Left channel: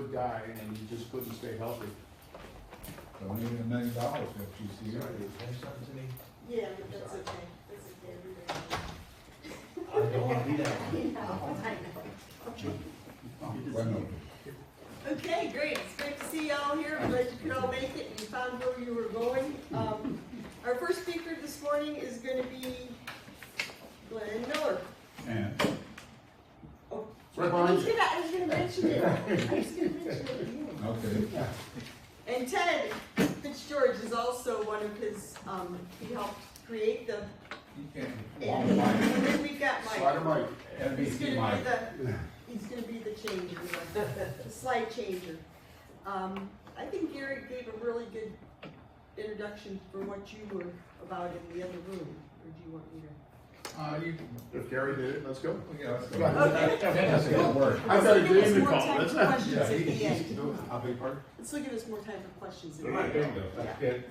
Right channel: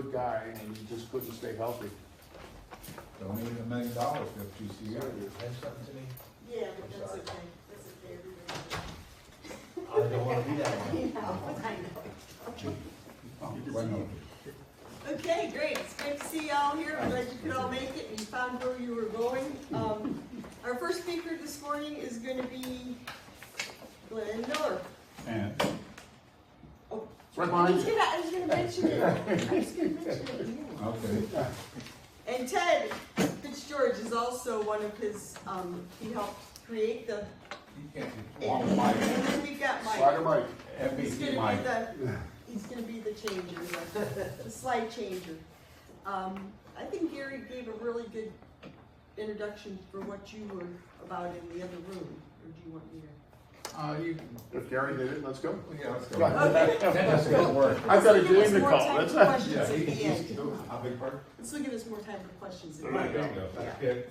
good guy, and he just couldn't stay healthy. Donated $1 million to GCU. something to me? Yeah, but that's okay, that's okay. I don't want to do that. Why not? Okay, great, it's great to see y'all here, I'm glad you could all make it and you found where you were going. Our first speaker this morning is gonna be Glenn Miller. And Oh, Right I behind was you. gonna mention it, I was gonna mention it at the beginning. okay. And Ted Fitzgeorge is also one of his, he helped create the, and then we've got Mike. Slide Mike. He's MVP gonna Mike. be he's gonna be the changer, the slide changer. I think Gary gave a really good introduction for what you were about in the other room, or do you want me to? If Gary did it, let's go. Yeah, let's go. Okay. That's good work. I've got a Let's give us game to more call. time That's for not. questions at the end. How big part? Let's give us more time for questions at the There you end. go. Yeah. Okay,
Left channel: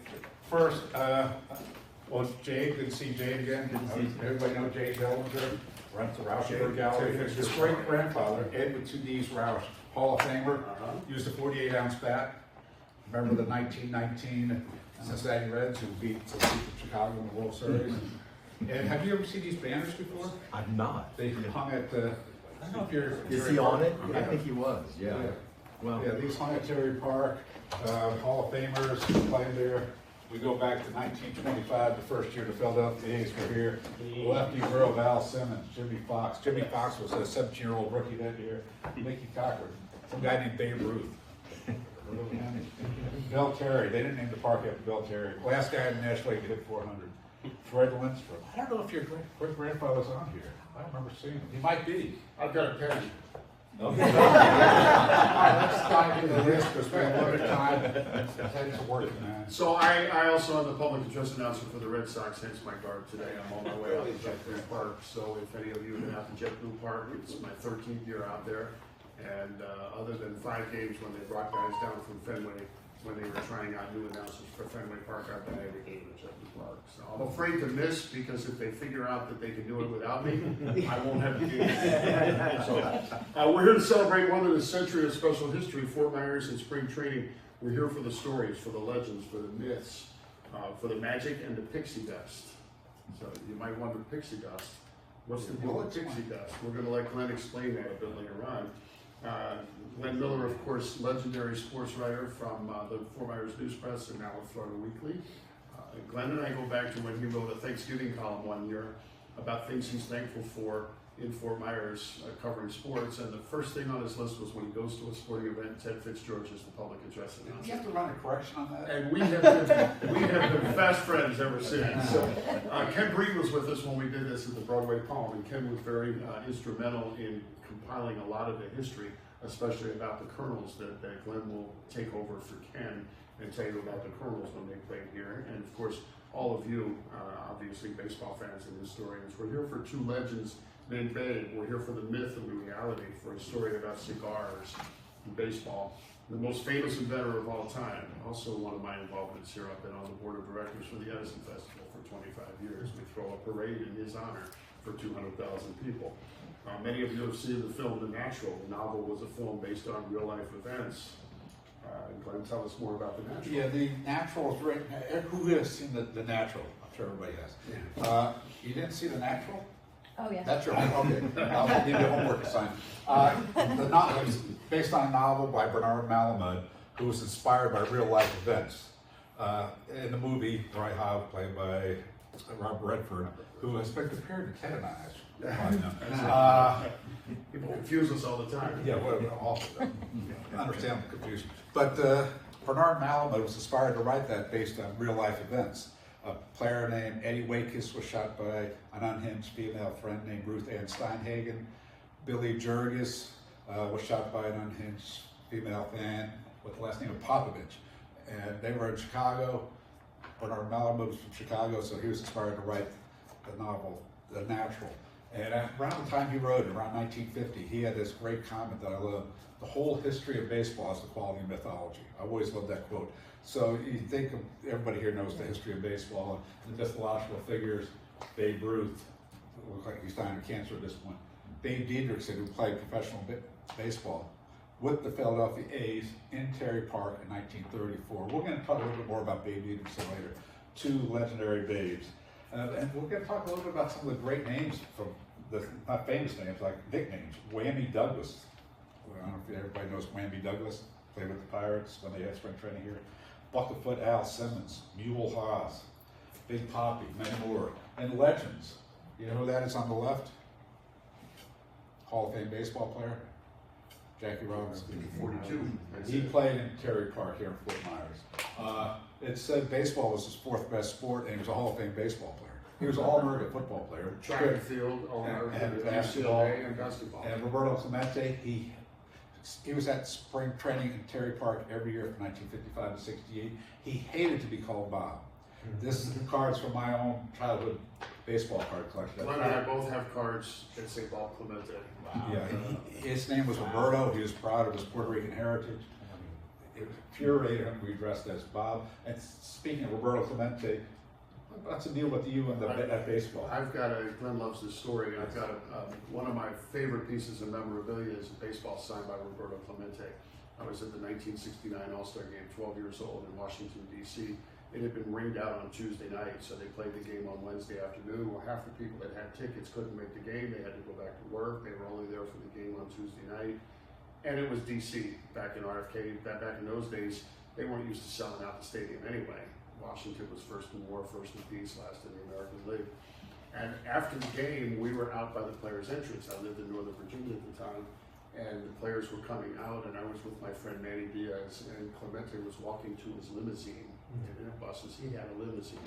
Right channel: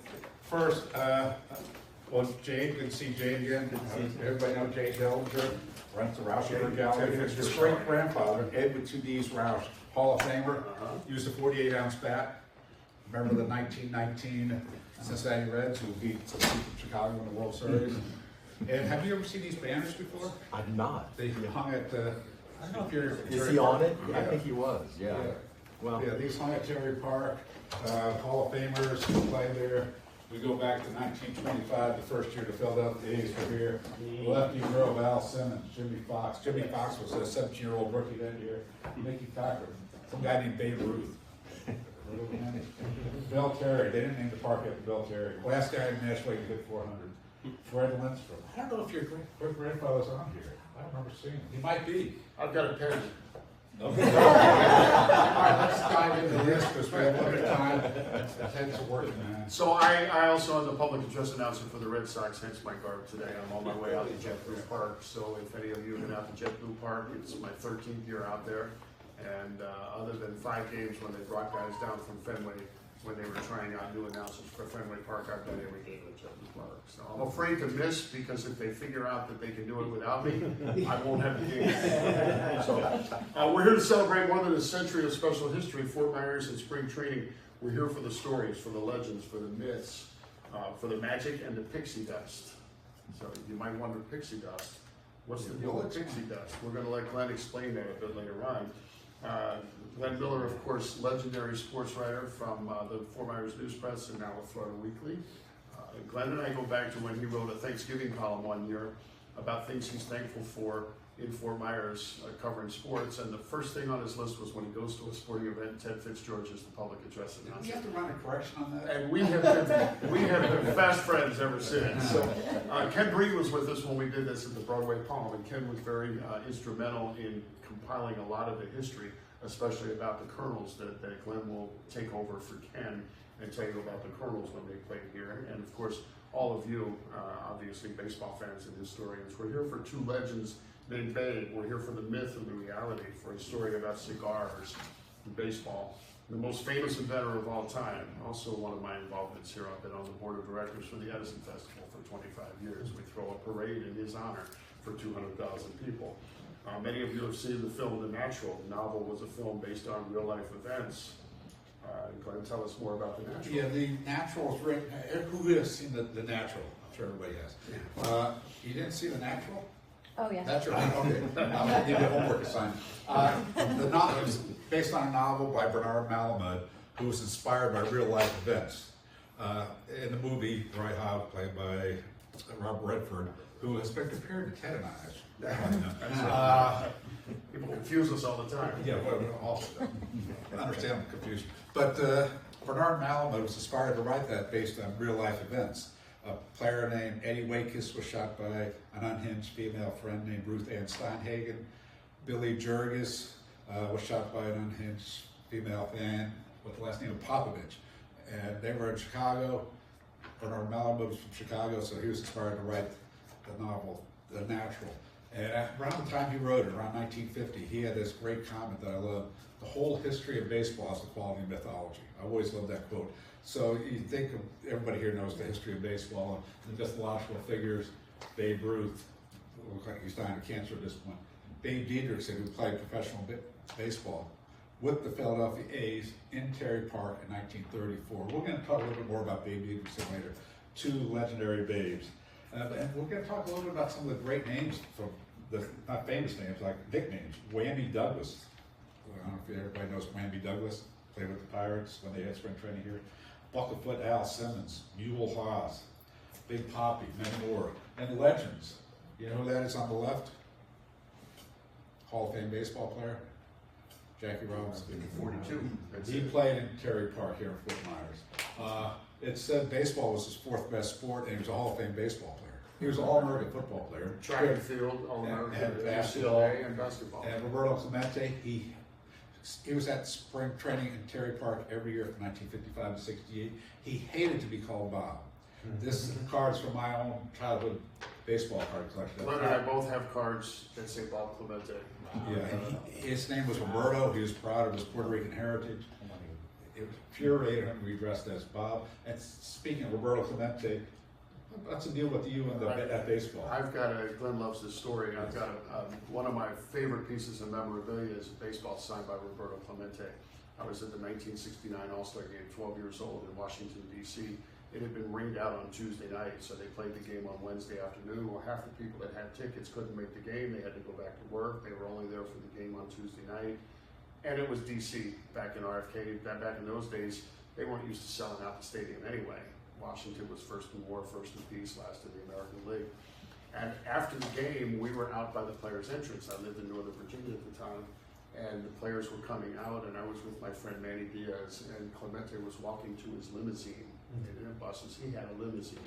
first, well, Jade, good to see Jade again. Everybody know Jade Dillinger, runs the Rauschenberg Gallery. His great grandfather, Edward 2D's Rausch, Hall of Famer, used a 48-ounce bat. Remember the 1919 Cincinnati Reds who beat Chicago in the World Series? And have you ever seen these banners before? I'm not. They hung at the, I don't know if you're. Is he on it? I Yeah. think he was, yeah. Well, Yeah, these hung at Terry Park, Hall of Famers played there. We go back to 1925, the first year the Philadelphia A's were here. Lefty Earl, Val Simmons, Jimmy Fox. Jimmy Fox was a 17-year-old rookie that year. Mickey Cocker, some guy named Babe Ruth. Bill Terry, they didn't name the park after Bill Terry. Last guy in the National League to hit 400. Fred Lindstrom. I don't know if your great grandfather was on here. I remember seeing him. He might be. I've got a pen. All right, let's dive into this because we have limited time. Ted's working, man. So I also am the public address announcer for the Red Sox, hence my garb today. I'm on my way out to JetBlue Park. So if any of you have been out to JetBlue Park, it's my 13th year out there. And other than 5 games when they brought guys down from Fenway, when they were trying out new announcers for Fenway Park, I've been every game at JetBlue Park. So I'm afraid to miss because if they figure out that they can do it without me, I won't have the game. So we're here to celebrate 100th century of special history, Fort Myers and spring training. We're here for the stories, for the legends, for the myths, for the magic and the pixie dust. So you might wonder, pixie dust. What's the deal with pixie dust? We're going to let Glenn explain that a bit later on. Glenn Miller, of course, legendary sports writer from the Fort Myers News Press and now with Florida Weekly. Glenn and I go back to when he wrote a Thanksgiving column one year about things he's thankful for in Fort Myers covering sports. And the first thing on his list was when he goes to a sporting event, Ted Fitzgeorge is the public address Do you announcer. have to run a correction on that? And we have been fast friends ever since. So Ken Breed was with us when we did this at the Broadway Palm, and Ken was very instrumental in compiling a lot of the history, especially about the Colonels that Glenn will take over for Ken and tell you about the Colonels when they played here. And of course, all of you, obviously baseball fans and historians, we're here for two legends named Babe. We're here for the myth and the reality, for a story about cigars and baseball. The most famous inventor of all time. Also one of my involvements here. I've been on the board of directors for the Edison Festival for 25 years. We throw a parade in his honor for 200,000 people. Many of you have seen the film The Natural. The novel was a film based on real life events. Glenn, tell us more about The Natural. Yeah, The Natural is written. Who has seen the Natural? I'm sure everybody has. You didn't see The Natural? Oh, yeah. That's right. Okay. I'll give you homework assignment. The novel is based on a novel by Bernard Malamud, who was inspired by real life events. In the movie, Roy Howe, played by Robert Redford, who has been compared to Ted and I. People confuse us all the time. Yeah, well, all I understand the confusion. But Bernard Malamud was inspired to write that based on real life events. A player named Eddie Wakis was shot by an unhinged female friend named Ruth Ann Steinhagen. Billy Jurgis was shot by an unhinged female fan with the last name of Popovich. And they were in Chicago. Bernard Malamud was from Chicago, so he was inspired to write the novel, The Natural. And around the time he wrote it, around 1950, he had this great comment that I love. The whole history of baseball is the quality of mythology. I always love that quote. So you think of, everybody here knows the history of baseball, the mythological figures, Babe Ruth, who looks like he's dying of cancer at this point. Dave Diedrichson, who played professional baseball, with the Philadelphia A's in Terry Park in 1934. We're going to talk a little bit more about Babe Evenson later. Two legendary Babes. And we're going to talk a little bit about some of the great names from the, not famous names, like nicknames. Whammy Douglas. I don't know if everybody knows Whammy Douglas. Played with the Pirates when they had spring training here. Buckerfoot Al Simmons, Newell Haas, Big Poppy, many more. And legends. You know who that is on the left? Hall of Fame baseball player, Jackie Robinson. 42. That's He it. played in Terry Park here in Fort Myers. It said baseball was his fourth best sport, and he was a Hall of Fame baseball player. He was an All-American football player. Track and field, All-American, And basketball. UCLA, and basketball. And Roberto Clemente, he was at spring training in Terry Park every year from 1955 to 68. He hated to be called Bob. This is the cards from my own childhood baseball card collection. Glenn and I both have cards that say Bob Clemente. Yeah, his name was Roberto. He was proud of his Puerto Rican heritage. It was infuriating him to be dressed as Bob. And speaking of Roberto Clemente, what's the deal with you and at baseball? I've got Glenn loves this story. I've got one of my favorite pieces of memorabilia is a baseball signed by Roberto Clemente. I was at the 1969 All-Star Game, 12 years old in Washington, D.C. It had been rained out on Tuesday night, so they played the game on Wednesday afternoon. Well, half the people that had tickets couldn't make the game. They had to go back to work. They were only there for the game on Tuesday night. And it was D.C. back in RFK. Back in those days, they weren't used to selling out the stadium anyway. Washington was first in war, first in peace, last in the American League. And after the game, we were out by the players' entrance. I lived in Northern Virginia at the time. And the players were coming out, and I was with my friend Manny Diaz, and Clemente was walking to his limousine. In their buses, he had a limousine,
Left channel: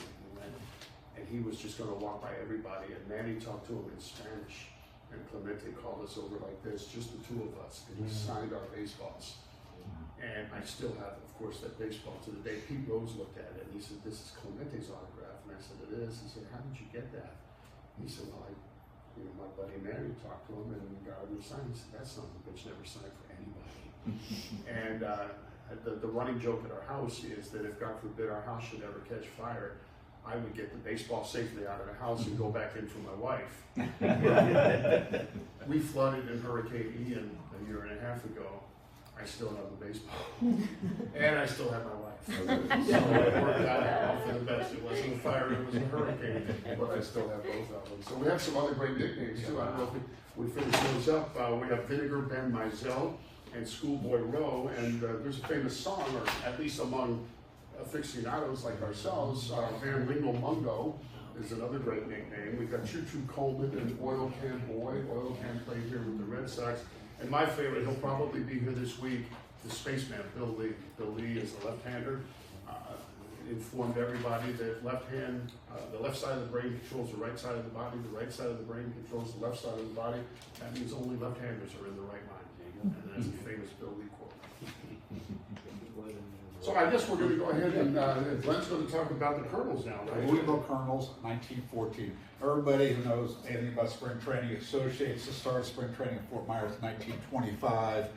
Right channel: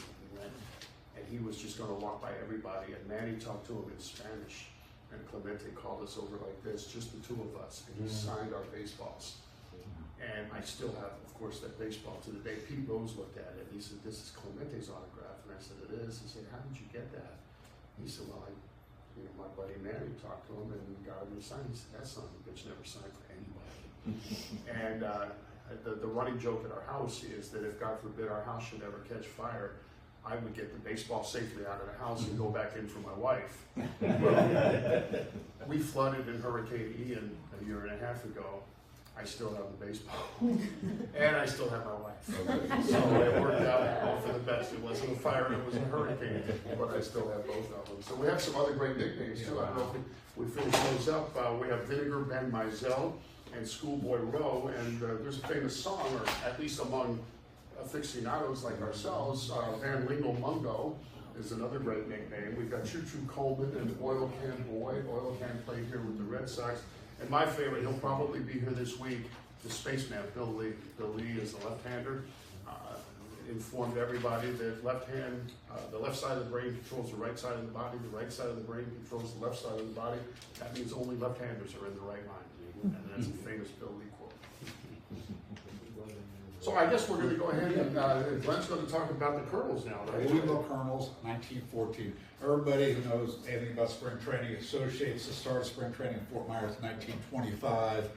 and he was just going to walk by everybody. And Manny talked to him in Spanish, and Clemente called us over like this, just the two of us, and he signed our baseballs. And I still have, of course, that baseball to the day. Pete Rose looked at it, and he said, "This is Clemente's autograph," and I said, "It is." He said, "How did you get that?" He said, "Well, my buddy Manny talked to him and got him to sign." He said, "That son of a bitch never signed for anybody." And the running joke at our house is that if, God forbid, our house should ever catch fire, I would get the baseball safely out of the house and go back in for my wife. We flooded in Hurricane Ian a year and a half ago. I still have the baseball, and I still have my wife. So it worked out for the best. It wasn't a fire, it was a hurricane, but I still have both of them. So we have some other great nicknames too. I don't know if we finish those up. We have Vinegar Ben Mizell and Schoolboy Rowe, and there's a famous song, or at least among aficionados like ourselves, Van Lingle Mungo is another great nickname. We've got Choo Choo Coleman and Oil Can Boy. Oil Can played here with the Red Sox. And my favorite, he'll probably be here this week, the spaceman, Bill Lee. Bill Lee is a left-hander. Informed everybody that the left side of the brain controls the right side of the body, the right side of the brain controls the left side of the body. That means only left-handers are in the right line. And that's a famous Bill Lee quote. So I guess we're going to go ahead and Glenn's going to talk about the Colonels now, right? Louisville Colonels, 1914. Everybody who knows anything about spring training associates the start of spring training in Fort Myers in 1925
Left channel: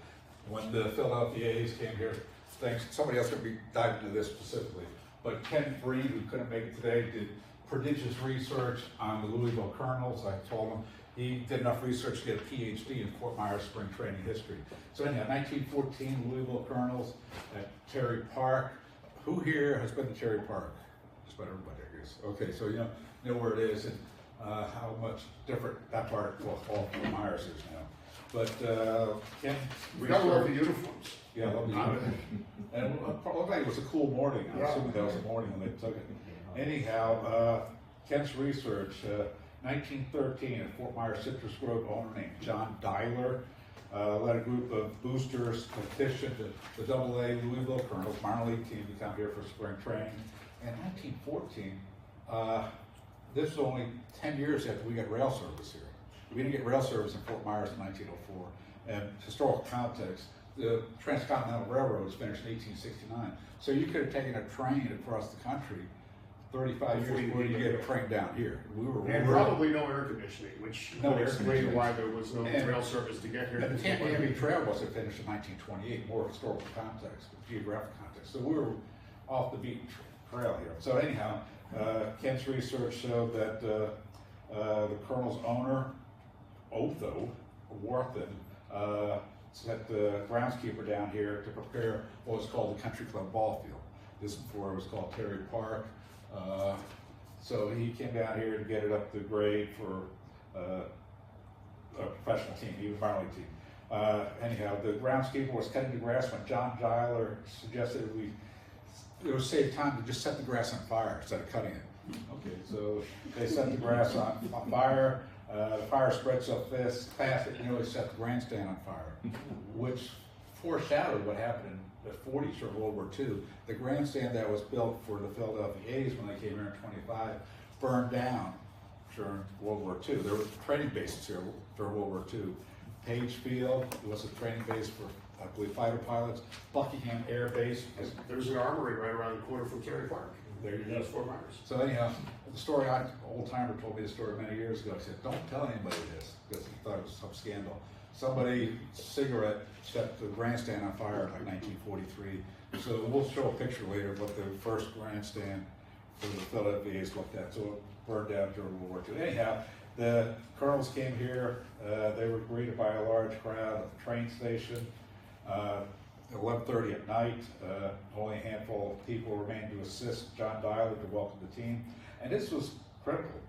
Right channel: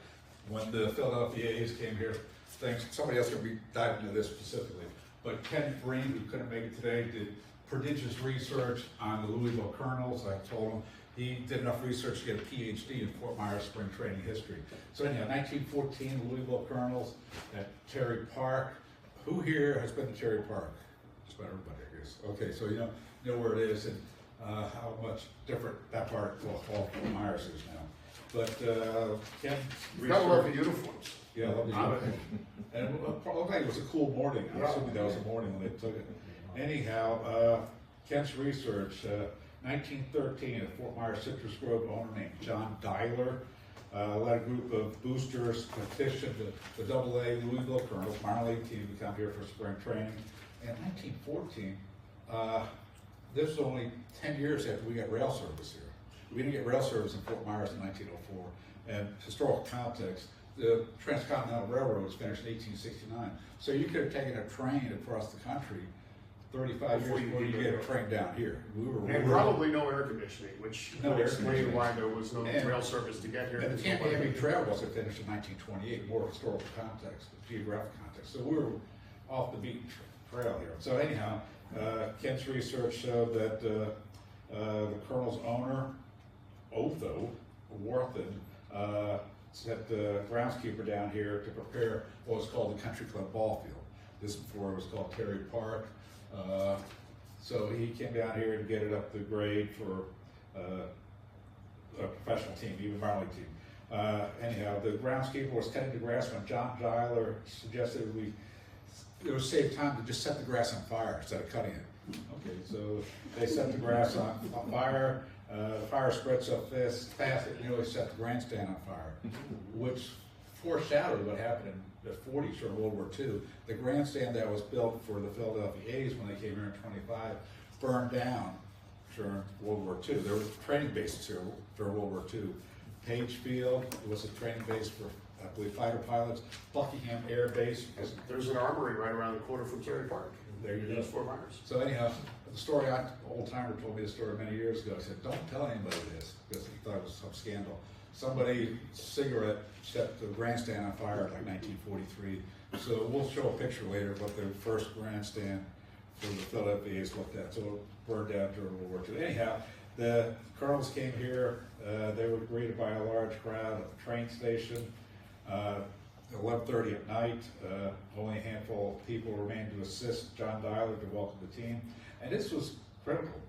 when the Philadelphia A's came here. Thanks, somebody else will be diving into this specifically. But Ken Breen, who couldn't make it today, did prodigious research on the Louisville Colonels. I told him he did enough research to get a PhD in Fort Myers spring training history. So anyhow, 1914 Louisville Colonels at Terry Park. Who here has been to Terry Park? Just about everybody here. Okay, so you know where it is and how much different that part of Fort Myers is now. But Ken, You gotta love the uniforms. yeah, love the uniform. And I think it was a cool morning. I assume that was a morning when they took it. Anyhow, Ken's research, 1913 at Fort Myers Citrus Grove, owner named John Dyler led a group of boosters petitioned the AA Louisville Colonels minor league team to come here for spring training. In 1914, this was only 10 years after we got rail service here. We didn't get rail service in Fort Myers in 1904. And historical context, the Transcontinental Railroad was finished in 1869. So you could have taken a train across the country 35 Before years you before you could get a get train down here. And probably no air conditioning, which No would air explain conditioning. why there was no And- rail service to get here. And the Camp Henry Trail wasn't finished in 1928, more historical context, geographic context. So we were off the beaten trail here. So anyhow, Ken's research showed that the Colonel's owner, Otho Wharton, sent the groundskeeper down here to prepare what was called the Country Club ball field. This before it was called Terry Park. So he came down here to get it up to grade for a professional team, even minor league team. Anyhow, the groundskeeper was cutting the grass when John Giler suggested it would save time to just set the grass on fire instead of cutting it. Okay, so they set the grass on fire. The fire spread so fast it nearly set the grandstand on fire, which foreshadowed what happened in the 40s or World War II. The grandstand that was built for the Philadelphia A's when they came here in 25 burned down during World War II. There was training bases here during World War II. Page Field was a training base for, I believe, fighter pilots. Buckingham Air Base. There's an armory right around the corner from Terry Park. There you go. That's Fort Myers. So anyhow, the story, an old timer told me the story many years ago. He said, don't tell anybody this, because he thought it was some scandal. Somebody, cigarette, set the grandstand on fire in like 1943. So we'll show a picture later of what the first grandstand for the Philadelphia A's looked at. So it burned down during World War II. Anyhow, the Colonels came here. They were greeted by a large crowd at the train station. 11:30 at night, only a handful of people remained to assist John Dialer to welcome the team, and this was critical.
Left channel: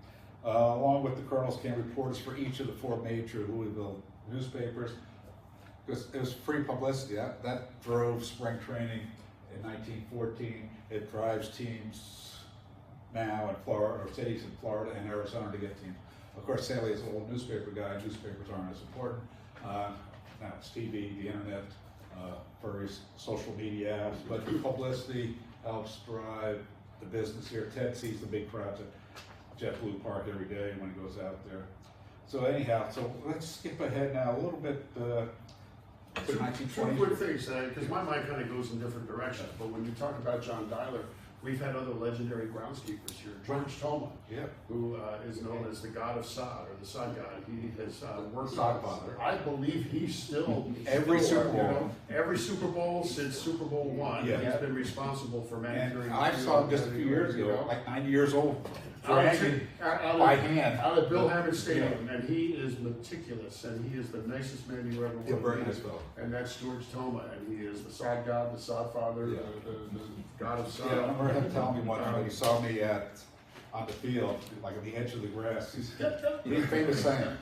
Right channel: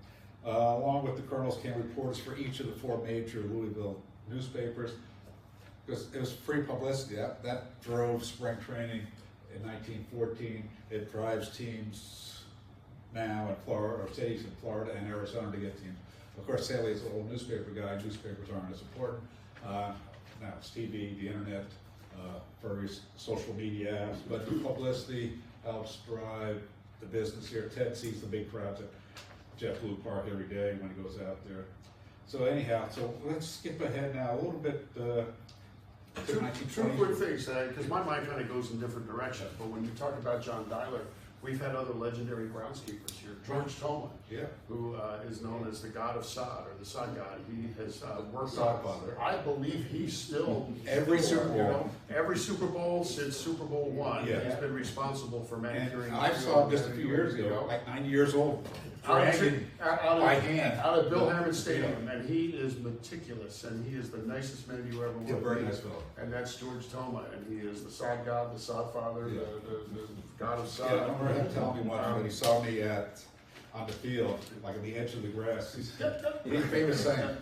Along with the Colonels came reporters for each of the 4 major Louisville newspapers. It was free publicity. That drove spring training in 1914. It drives teams now in Florida, or cities in Florida and Arizona to get teams. Of course, Sally is an old newspaper guy. Newspapers aren't as important. Now it's TV, the internet, various social media apps, but the publicity helps drive the business here. Ted sees the big crowds at JetBlue Park every day when he goes out there. So anyhow, so let's skip ahead now a little bit to Two 1920. quick things, because my mind kind of goes in different directions, but when you talk about John Dialer, we've had other legendary groundskeepers here. George Toma, Yeah. who is known as the God of Sod, or the Sod God. He has worked Sod on, Father. I believe he's still, Every Super Bowl. you know, every Super Bowl since Super Bowl I, Yeah. he's been responsible for manicuring. And the I field saw him just a and few years you ago, know. like 90 years old, Out dragging by hand. out at Bill Hammond Stadium, and he is meticulous, and he is the nicest man you ever He's a want very to nice meet. fellow. And that's George Toma, and he is the Sod God, the Sod Father, Yeah. the God of Yeah, I Sod. remember him telling me one time when he saw me on the field, like on the edge of the grass. He had a famous saying,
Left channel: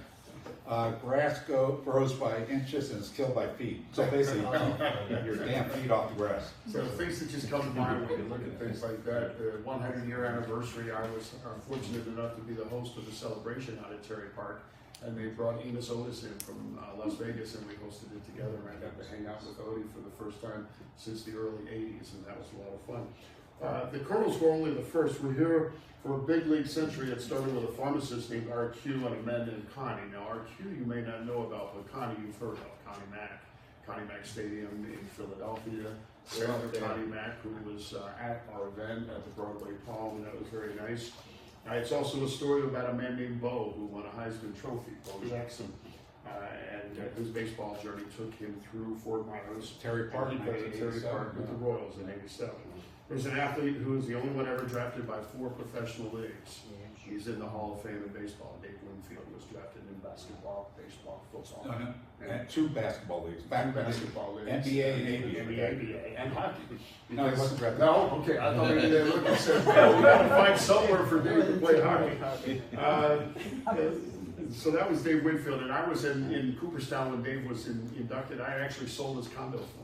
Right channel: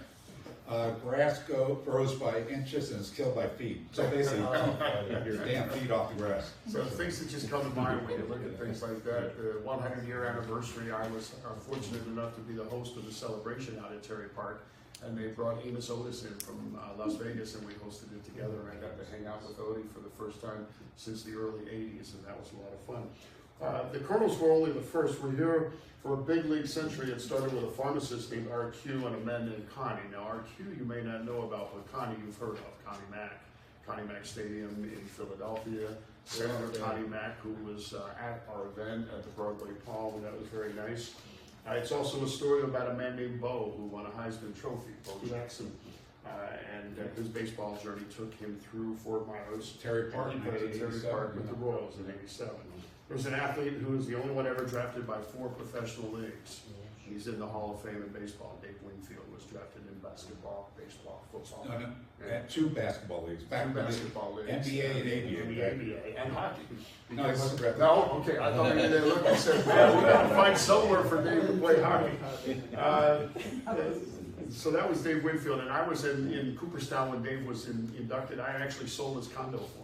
grass grows by inches and is killed by feet. So basically, your damn feet off the grass. So things that just come to mind when you look at things like that. The 100-year anniversary, I was fortunate enough to be the host of the celebration out at Terry Park, and they brought Enos Otis in from Las Vegas, and we hosted it together, and I got to hang out with Odie for the first time since the early 80s, and that was a lot of fun. The Colonels were only the first. We're here for a big league century. It started with a pharmacist named RQ and a man named Connie. Now, RQ you may not know about, but Connie you've heard of, Connie Mack. Connie Mack Stadium in Philadelphia. Senator Connie Mack, who was at our event at the Broadway Palm, that was very nice. It's also a story about a man named Bo who won a Heisman Trophy, Bo Jackson. And his baseball journey took him through Fort Myers. Terry Park, And he played at Terry 1987, Park with the Royals in '87. There's an athlete who is the only one ever drafted by 4 professional leagues. He's in the Hall of Fame in baseball. Dave Wingfield was drafted in basketball, baseball, football. And 2 basketball leagues. Back Two when basketball leagues. NBA and ABA. And the ABA and hockey. No, he wasn't drafted. No? Okay, I thought maybe they looked and said, man, we gotta find somewhere for Dave to play hockey. So that was Dave Winfield, and I was in Cooperstown when Dave was inducted. I actually sold his condo for him.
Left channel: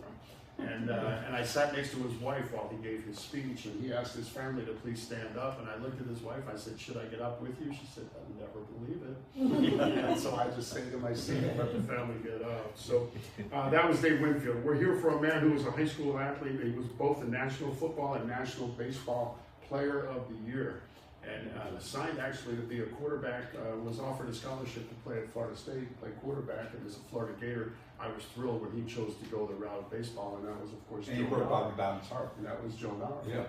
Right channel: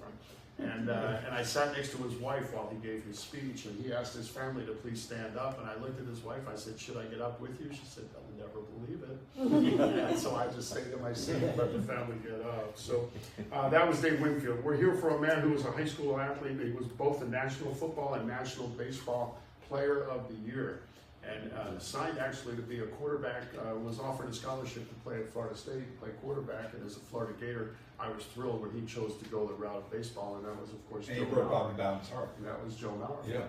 And I sat next to his wife while he gave his speech, and he asked his family to please stand up. And I looked at his wife, I said, should I get up with you? She said, I'll never believe it. And so I just stayed in my seat and let the family get up. So that was Dave Winfield. We're here for a man who was a high school athlete. He was both a National Football and National Baseball Player of the Year. And signed actually to be a quarterback, was offered a scholarship to play at Florida State, play quarterback, and as a Florida Gator, I was thrilled when he chose to go the route of baseball, and that was, of course, And he Joe broke Mauer. Bobby Bowden's heart. And that was Joe Mauer. Yeah,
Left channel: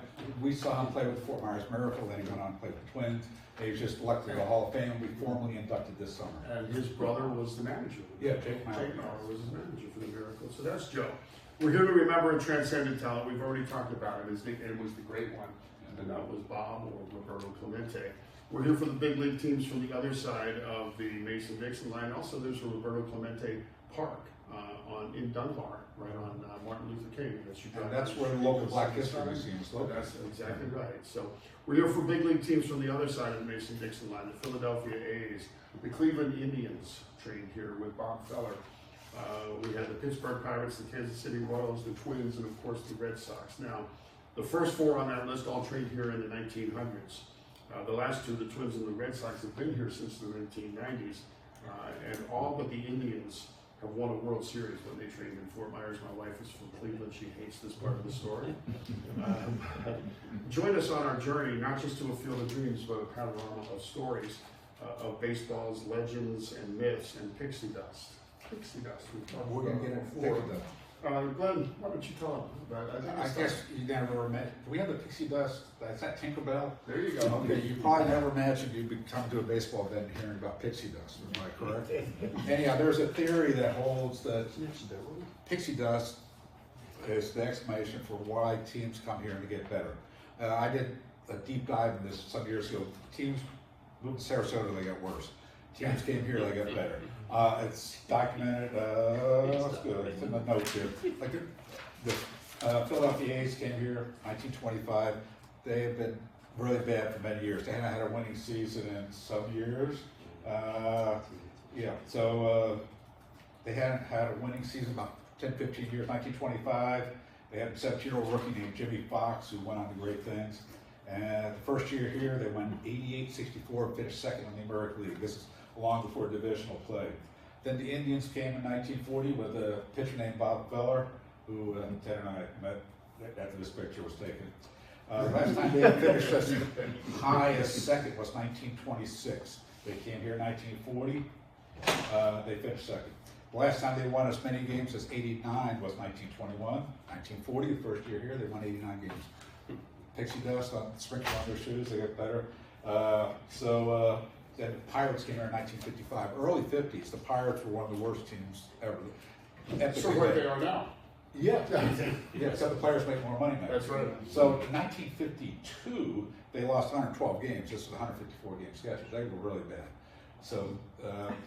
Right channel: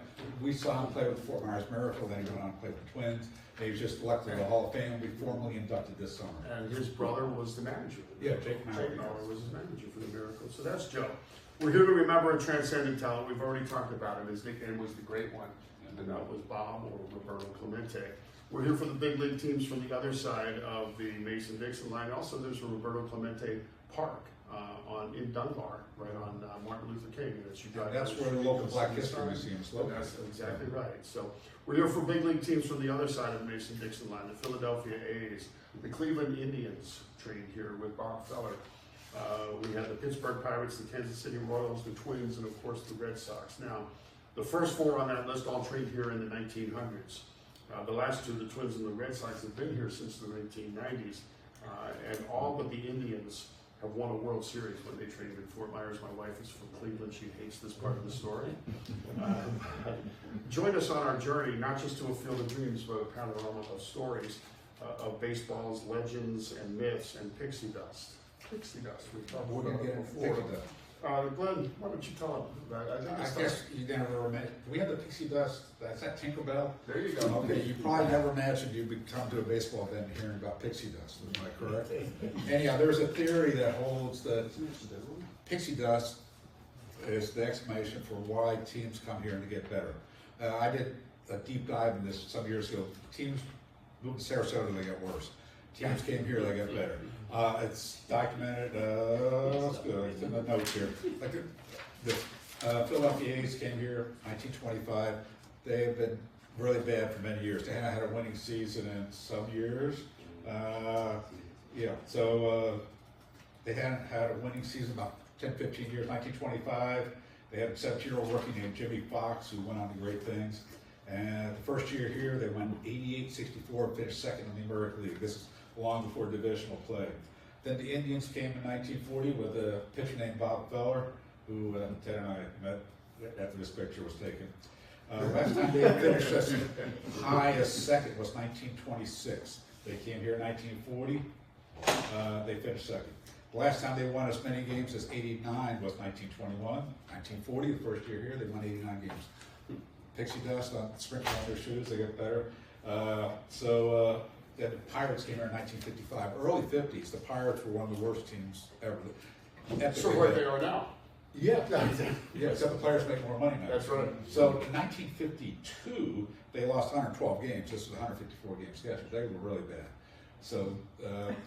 we saw him play with Fort Myers Miracle, then he went on to play with the Twins. He was just elected to the Hall of Fame. We formally inducted this summer. And his brother was the manager. Yeah, Jake Mauer. Jake Mauer was his manager for the Miracle. So that's Joe. We're here to remember a transcendent talent. We've already talked about him. His nickname was the Great One, and that was Bob or Roberto Clemente. We're here for the big league teams from the other side of the Mason-Dixon line. Also, there's a Roberto Clemente Park in Dunbar, right on Martin Luther King. As you drive And that's down the where the street, local you'll Black see the History sign. Museum is located. That's exactly right. So we're here for big league teams from the other side of the Mason-Dixon line. The Philadelphia A's, the Cleveland Indians trained here with Bob Feller. We had the Pittsburgh Pirates, the Kansas City Royals, the Twins, and of course the Red Sox. Now, the first four on that list all trained here in the 1900s. The last two, the Twins and the Red Sox, have been here since the 1990s, and all but the Indians have won a World Series when they trained in Fort Myers. My wife is from Cleveland; she hates this part of the story. Join us on our journey, not just to a field of dreams, but a panorama of stories of baseball's legends and myths and pixie dust. Pixie dust. We've talked We're about gonna it get before. pixie dust. Glenn, why don't you tell them about it? I guess you never imagined. We have the pixie dust. Is that Tinkerbell? There you go. Okay, you probably never imagined you'd be come to a baseball event and hearing about pixie dust. Am I correct? Anyhow, there's a theory that holds that pixie dust is the explanation for why teams come here to get better. I did a deep dive in this some years ago. Teams moved to Sarasota, they got worse. Teams came here, they got better. It's documented. It's good. It's in the notes here. Like the Philadelphia A's came here 1925. They have been really bad for many years. They haven't had a winning season in some years. They hadn't had a winning season about 10, 15 years. 1925, they had a 17-year-old rookie named Jimmy Fox who went on to great things. And the first year here, they won 88-64 and finished second in the American League. This is long before divisional play. Then the Indians came in 1940 with a pitcher named Bob Feller, who Ted and I met after this picture was taken. Last time they finished as high as second was 1926. They came here in 1940. They finished second. The last time they won as many games as 89 was 1921. 1940, the first year here, they won 89 games. Pixie dust on sprinkled on their shoes, they got better. Then the Pirates came here in 1955. Early 50s, the Pirates were one of the worst teams ever. So where they are now. Yeah, except the players make more money now. That's right. So in 1952, they lost 112 games. This was a 154 game schedule. They were really bad. So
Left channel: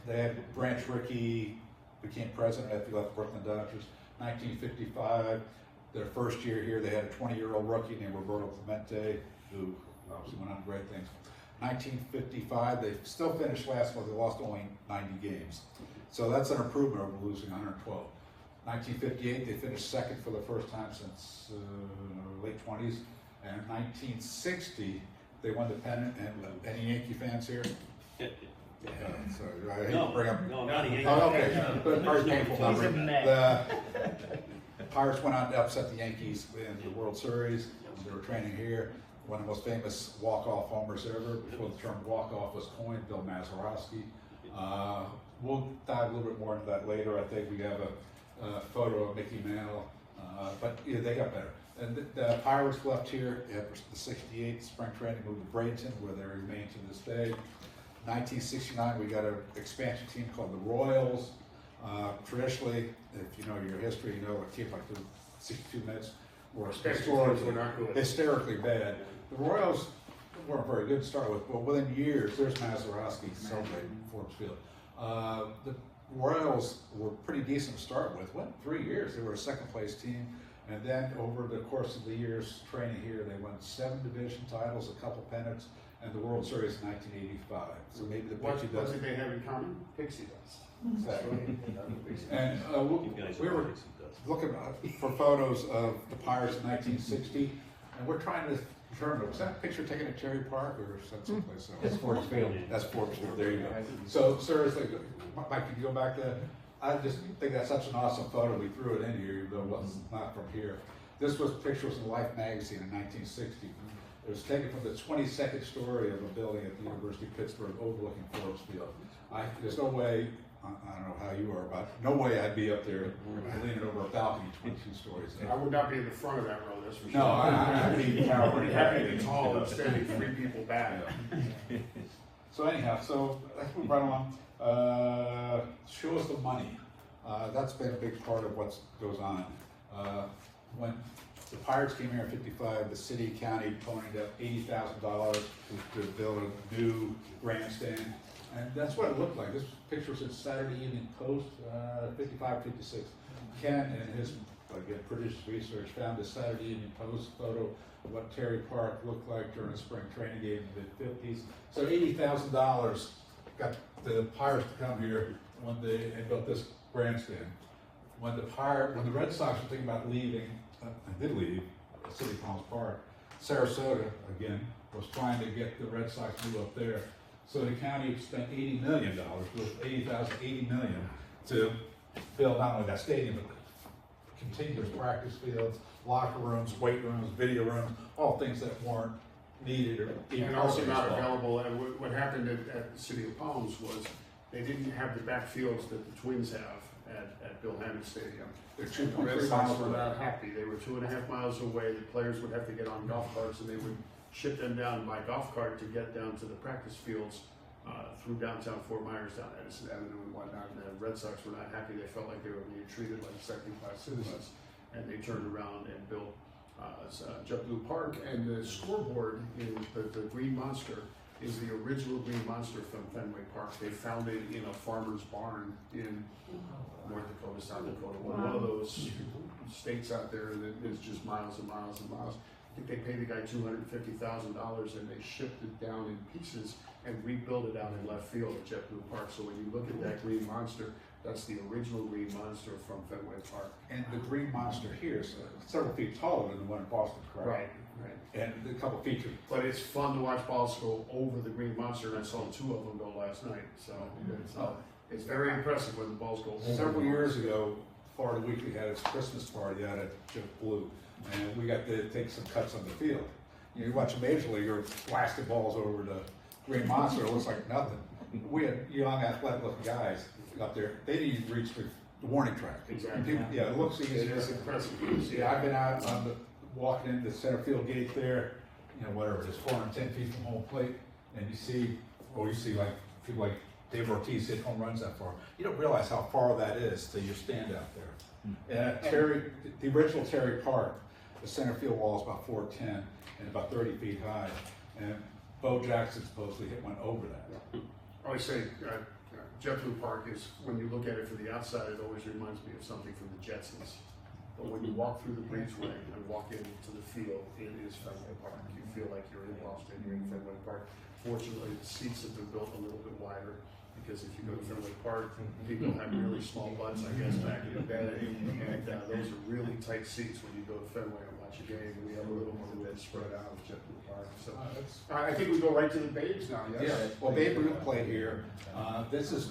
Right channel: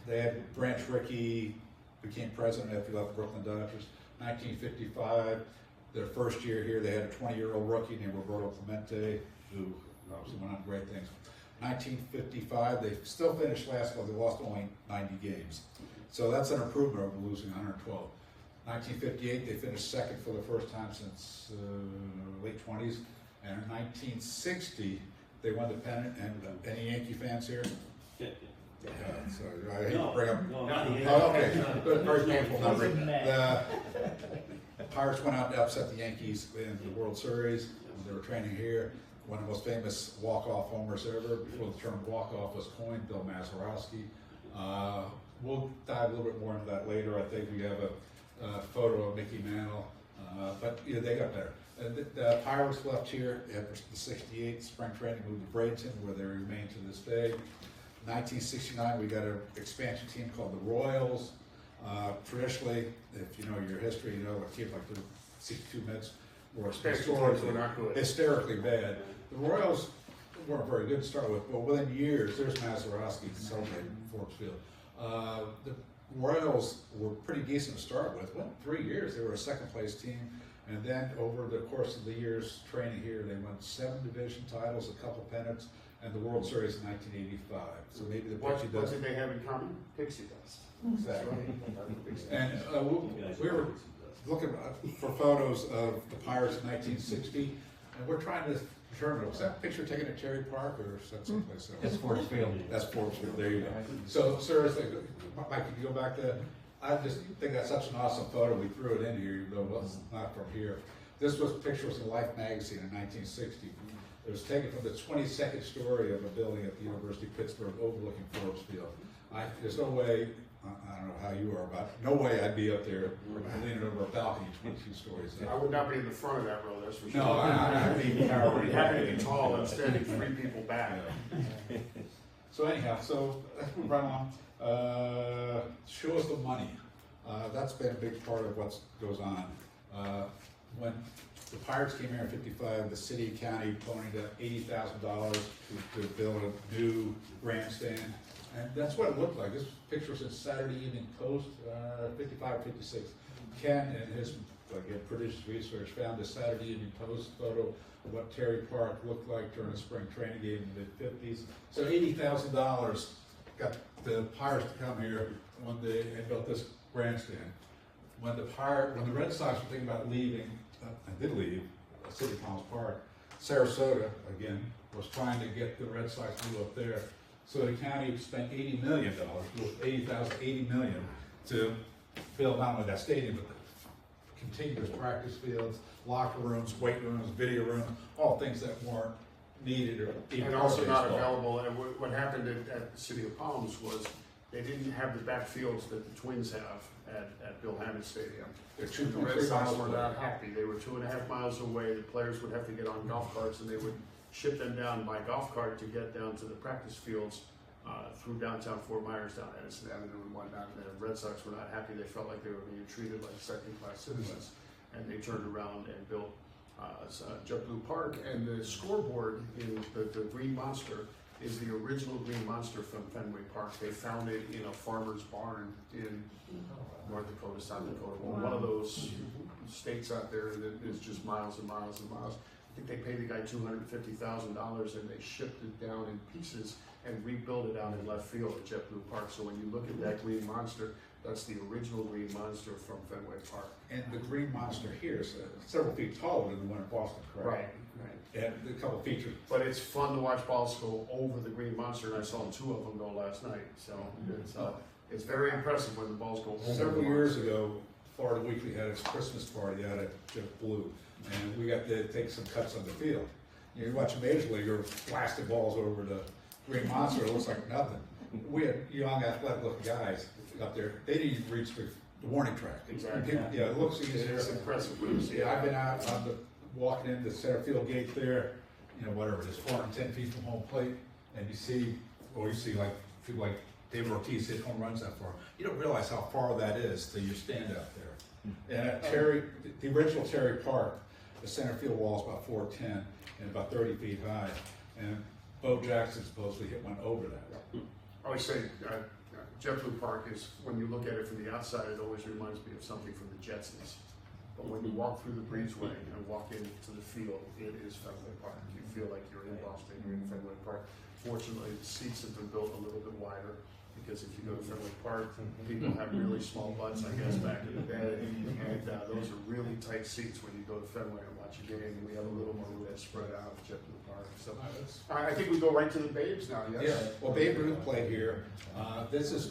they had Branch Rickey became president after he left Brooklyn Dodgers. 1955, their first year here, they had a 20-year-old rookie named Roberto Clemente, who obviously went on to great things. 1955, they still finished last, but they lost only 90 games. So that's an improvement over losing 112. 1958, they finished second for the first time since late 20s. And in 1960, they won the pennant. And any Yankee fans here? So I hate to bring up. No, not a Yankee. Oh, okay, but very painful number. The Pirates went out and upset the Yankees in the World Series. They were training here. One of the most famous walk-off homers ever, before the term walk-off was coined, Bill Mazeroski. We'll dive a little bit more into that later. I think we have a photo of Mickey Mantle, but yeah, they got better. And the Pirates left here after the '68 spring training, moved to Bradenton, where they remain to this day. 1969, we got an expansion team called the Royals. Traditionally, if you know your history, you know what teams like the 62 Mets were hysterically bad. The Royals weren't very good to start with, but within years, there's Mazeroski celebrating Forbes Field. The Royals were pretty decent to start with. Went 3 years, they were a second place team. And then over the course of the years training here, they won 7 division titles, a couple pennants, and the World Series in 1985. So maybe the What pixie did dust. they have in common? Pixie dust. Exactly. And we were looking for photos of the Pirates in 1960, and we're trying to determine, was that picture taken at Cherry Park or someplace else? That's Forbes Field. That's Forbes Field, there you go. So seriously, Mike, can you go back to, I just think that's such an awesome photo, we threw it in here, even though it wasn't not from here. This was pictures in Life magazine in 1960. It was taken from the 22nd story of a building at the University of Pittsburgh overlooking Forbes Field. There's no way, I don't know how you are, but no way I'd be up there leaning over a balcony 22 stories. I would not be in the front of that row, that's for sure. No, I'd be happy to be tall and standing 3 people back. So anyhow, so let's move right along. Show us the money. That's been a big part of what goes on. When the Pirates came here in '55, the city and county ponied up $80,000 to build a new grandstand. And that's what it looked like. This picture's in Saturday Evening Post, 55, 56. Ken and his, again, produced research, found a Saturday Evening Post photo of what Terry Park looked like during a spring training game in the mid-50s. So $80,000 got the Pirates to come here when they built this grandstand. When the Red Sox were thinking about leaving, and did leave, City Palms Park, Sarasota, again, was trying to get the Red Sox to move up there. So the county spent $80 million, with $80 million, to build not only that stadium, but contiguous practice fields, locker rooms, weight rooms, video rooms, all things that weren't needed or even And also not available, and what happened at the City of Palms was they didn't have the backfields that the Twins have at Bill Hammond Stadium. They're The Red Sox were not happy. They were 2.5 miles away. The players would have to get on golf carts, and they would ship them down by golf cart to get down to the practice fields through downtown Fort Myers, down Edison Avenue and whatnot. And the Red Sox were not happy. They felt like they were being treated like second-class citizens, and they turned around and built JetBlue Park. And the scoreboard in the Green Monster is the original Green Monster from Fenway Park. They found it in a farmer's barn in North Dakota, South Dakota, one of those states out there that is just miles and miles and miles. I think they paid the guy $250,000 and they shipped it down in pieces and rebuilt it out in left field at JetBlue Park. So when you look at that Green Monster, that's the original Green Monster from Fenway Park. And the Green Monster here is several feet taller than the one in Boston, correct? Right. And a couple features. But it's fun to watch balls go over the Green Monster, and I saw 2 of them go last night. So it's very impressive when the balls go over. Several years ago, Florida Weekly had its Christmas party out at JetBlue, and we got to take some cuts on the field. You watch a major leaguer blasting balls over the Green Monster, it looks like nothing. We had young, athletic-looking guys up there. They didn't even reach the warning track. Exactly. Yeah, it looks easy. It is impressive. Yeah, I've been out on walking in the center field gate there, whatever it is, 410 feet from home plate, and you see like people like Dave Ortiz hit home runs that far. You don't realize how far that is till you stand out there. And the original Terry Park, the center field wall is about 410 and about 30 feet high, and Bo Jackson supposedly hit one over that. I always say JetBlue Park is, when you look at it from the outside, it always reminds me of something from the Jetsons. But when you walk through the breezeway and walk into the field, it is Fenway Park. You feel like you're in Boston, you're in Fenway Park. Fortunately, the seats have been built a little bit wider, because if you go to Fenway Park, people have really small butts, I guess, back in the day. And those are really tight seats when you go to Fenway and watch a game. And we have a little more width spread out of JetBlue Park. So I think we go right to the Babes now, yes? Yeah, well, Babe Ruth played here. This is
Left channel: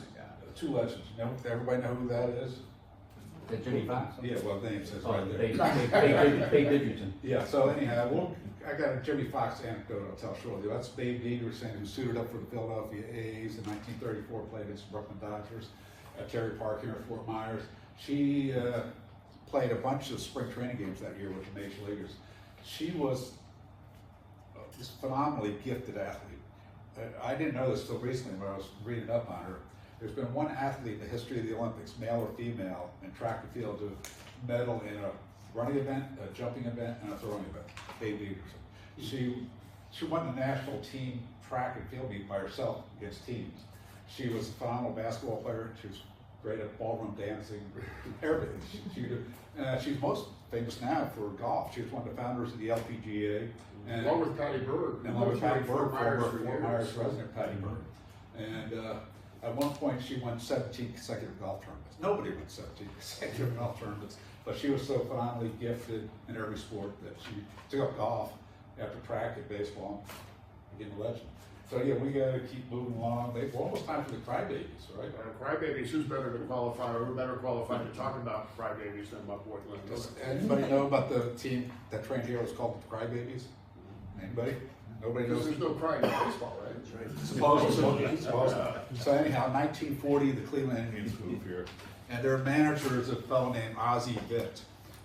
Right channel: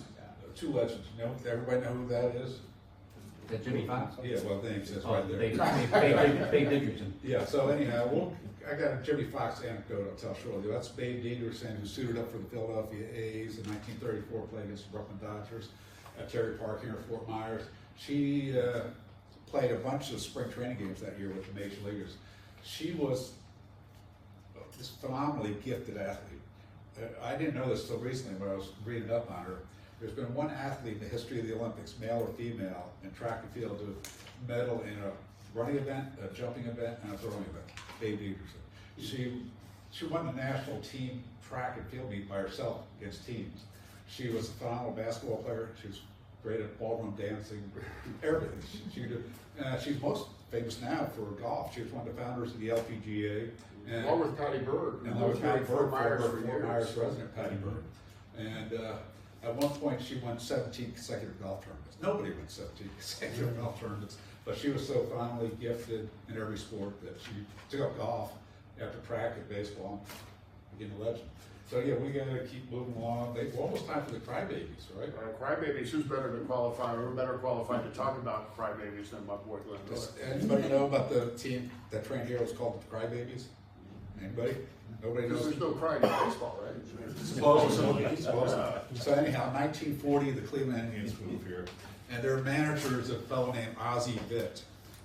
2 legends. Everybody know who that is? Is that Jimmy Fox? Yeah, well, names is Oh, right there. Babe Didgerton. Yeah, so anyhow, I got a Jimmy Fox anecdote I'll tell shortly. That's Babe Didgerton, who suited up for the Philadelphia A's in 1934, played against the Brooklyn Dodgers at Terry Park here in Fort Myers. She played a bunch of spring training games that year with the major leaguers. She was this phenomenally gifted athlete. I didn't know this until recently when I was reading up on her. There's been one athlete in the history of the Olympics, male or female, in track and field to medal in a running event, a jumping event, and a throwing event. Babe Didgerton. She won the national team track and field meet by herself against teams. She was a phenomenal basketball player. She was great at ballroom dancing, everything. She's most famous now for golf. She was one of the founders of the LPGA. And along with Patty Bird. And along with Patty Bird, Fort Myers for Fort Myers years. resident Patty Bird. And at one point, she won 17 consecutive golf tournaments. Nobody won 17 consecutive golf tournaments, but she was so phenomenally gifted in every sport that she took up golf after track and baseball, became a legend. So yeah, we gotta keep moving along. We're almost time for the Crybabies, right? Crybabies, who's better to qualify, or who better qualified to talk about Crybabies than my boy Glenn Miller? Does anybody know about the team that trained here? It's called the Crybabies? Anybody? Nobody knows? There's no crying in baseball, right? Supposedly. So anyhow, 1940, the Cleveland Indians moved here, and their manager is a fellow named Ozzie Vitt.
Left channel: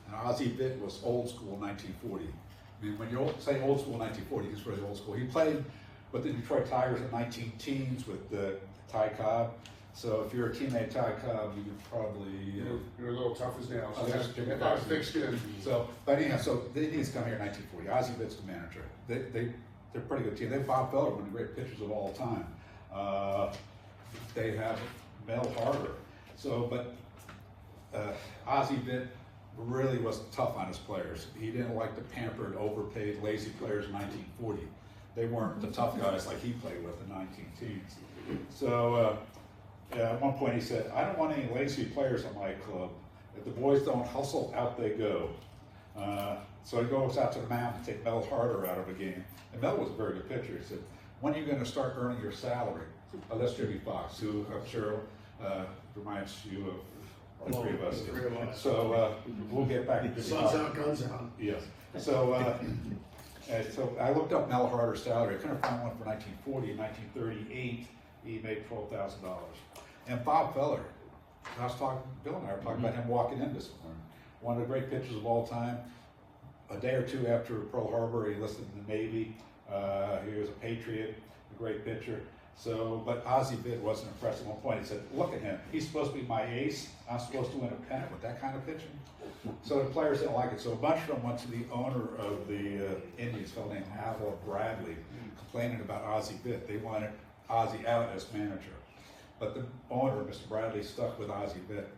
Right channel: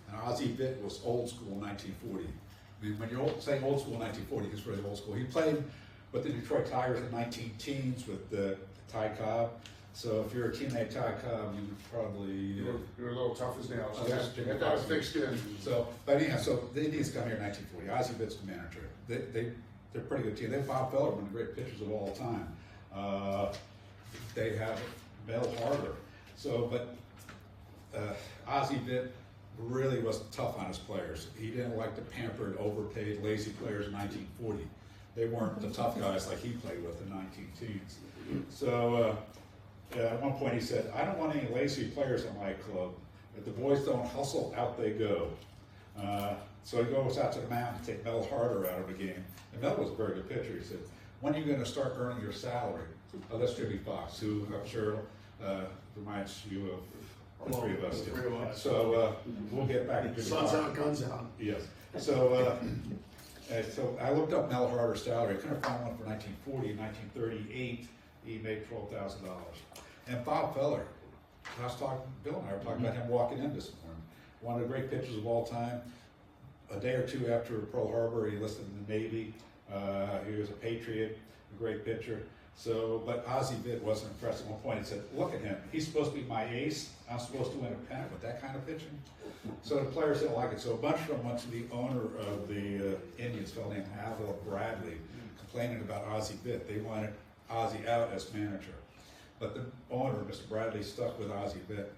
And Ozzie Vitt was old school in 1940. I mean, when you're saying old school in 1940, he's really old school. He played with the Detroit Tigers in 19 teens with Ty Cobb. So if you're a teammate Ty Cobb, you would probably You're a little tough as nails. Oh, Yeah, that's you got a thick skin. So, but anyhow, so the Indians come here in 1940. Ozzie Vitt's the manager. They're a pretty good team. They have Bob Feller, one of the great pitchers of all time. they have Mel Harder. So, but Ozzie Vitt really was tough on his players. He didn't like the pampered, overpaid, lazy players in 1940. They weren't the tough guys like he played with in 19 teens. So at one point he said, "I don't want any lazy players on my club. If the boys don't hustle, out they go." So he goes out to the mound to take Mel Harder out of the game. And Mel was a very good pitcher. He said, "When are you going to start earning your salary?" Oh, that's Jimmy Fox, who I'm sure reminds you of the three of us. The three of us. So we'll get back to Jimmy Sun's Fox. out, guns out. Yes. So I looked up Mel Harder's salary. I couldn't find one for 1940. In 1938, he made $12,000. And Bob Feller, I was talking, Bill and I were talking about him walking in this morning. One of the great pitchers of all time. A day or two after Pearl Harbor, he enlisted in the Navy. He was a patriot, a great pitcher. So, but Ozzie Vitt wasn't impressed. At one point, he said, "Look at him. He's supposed to be my ace. I'm supposed to win a pennant with that kind of pitching." So the players didn't like it. So a bunch of them went to the owner of the Indians, a fellow named Hal Bradley, complaining about Ozzie Vitt. They wanted Ozzie out as manager. But the owner, Mr. Bradley, stuck with Ozzie Vitt.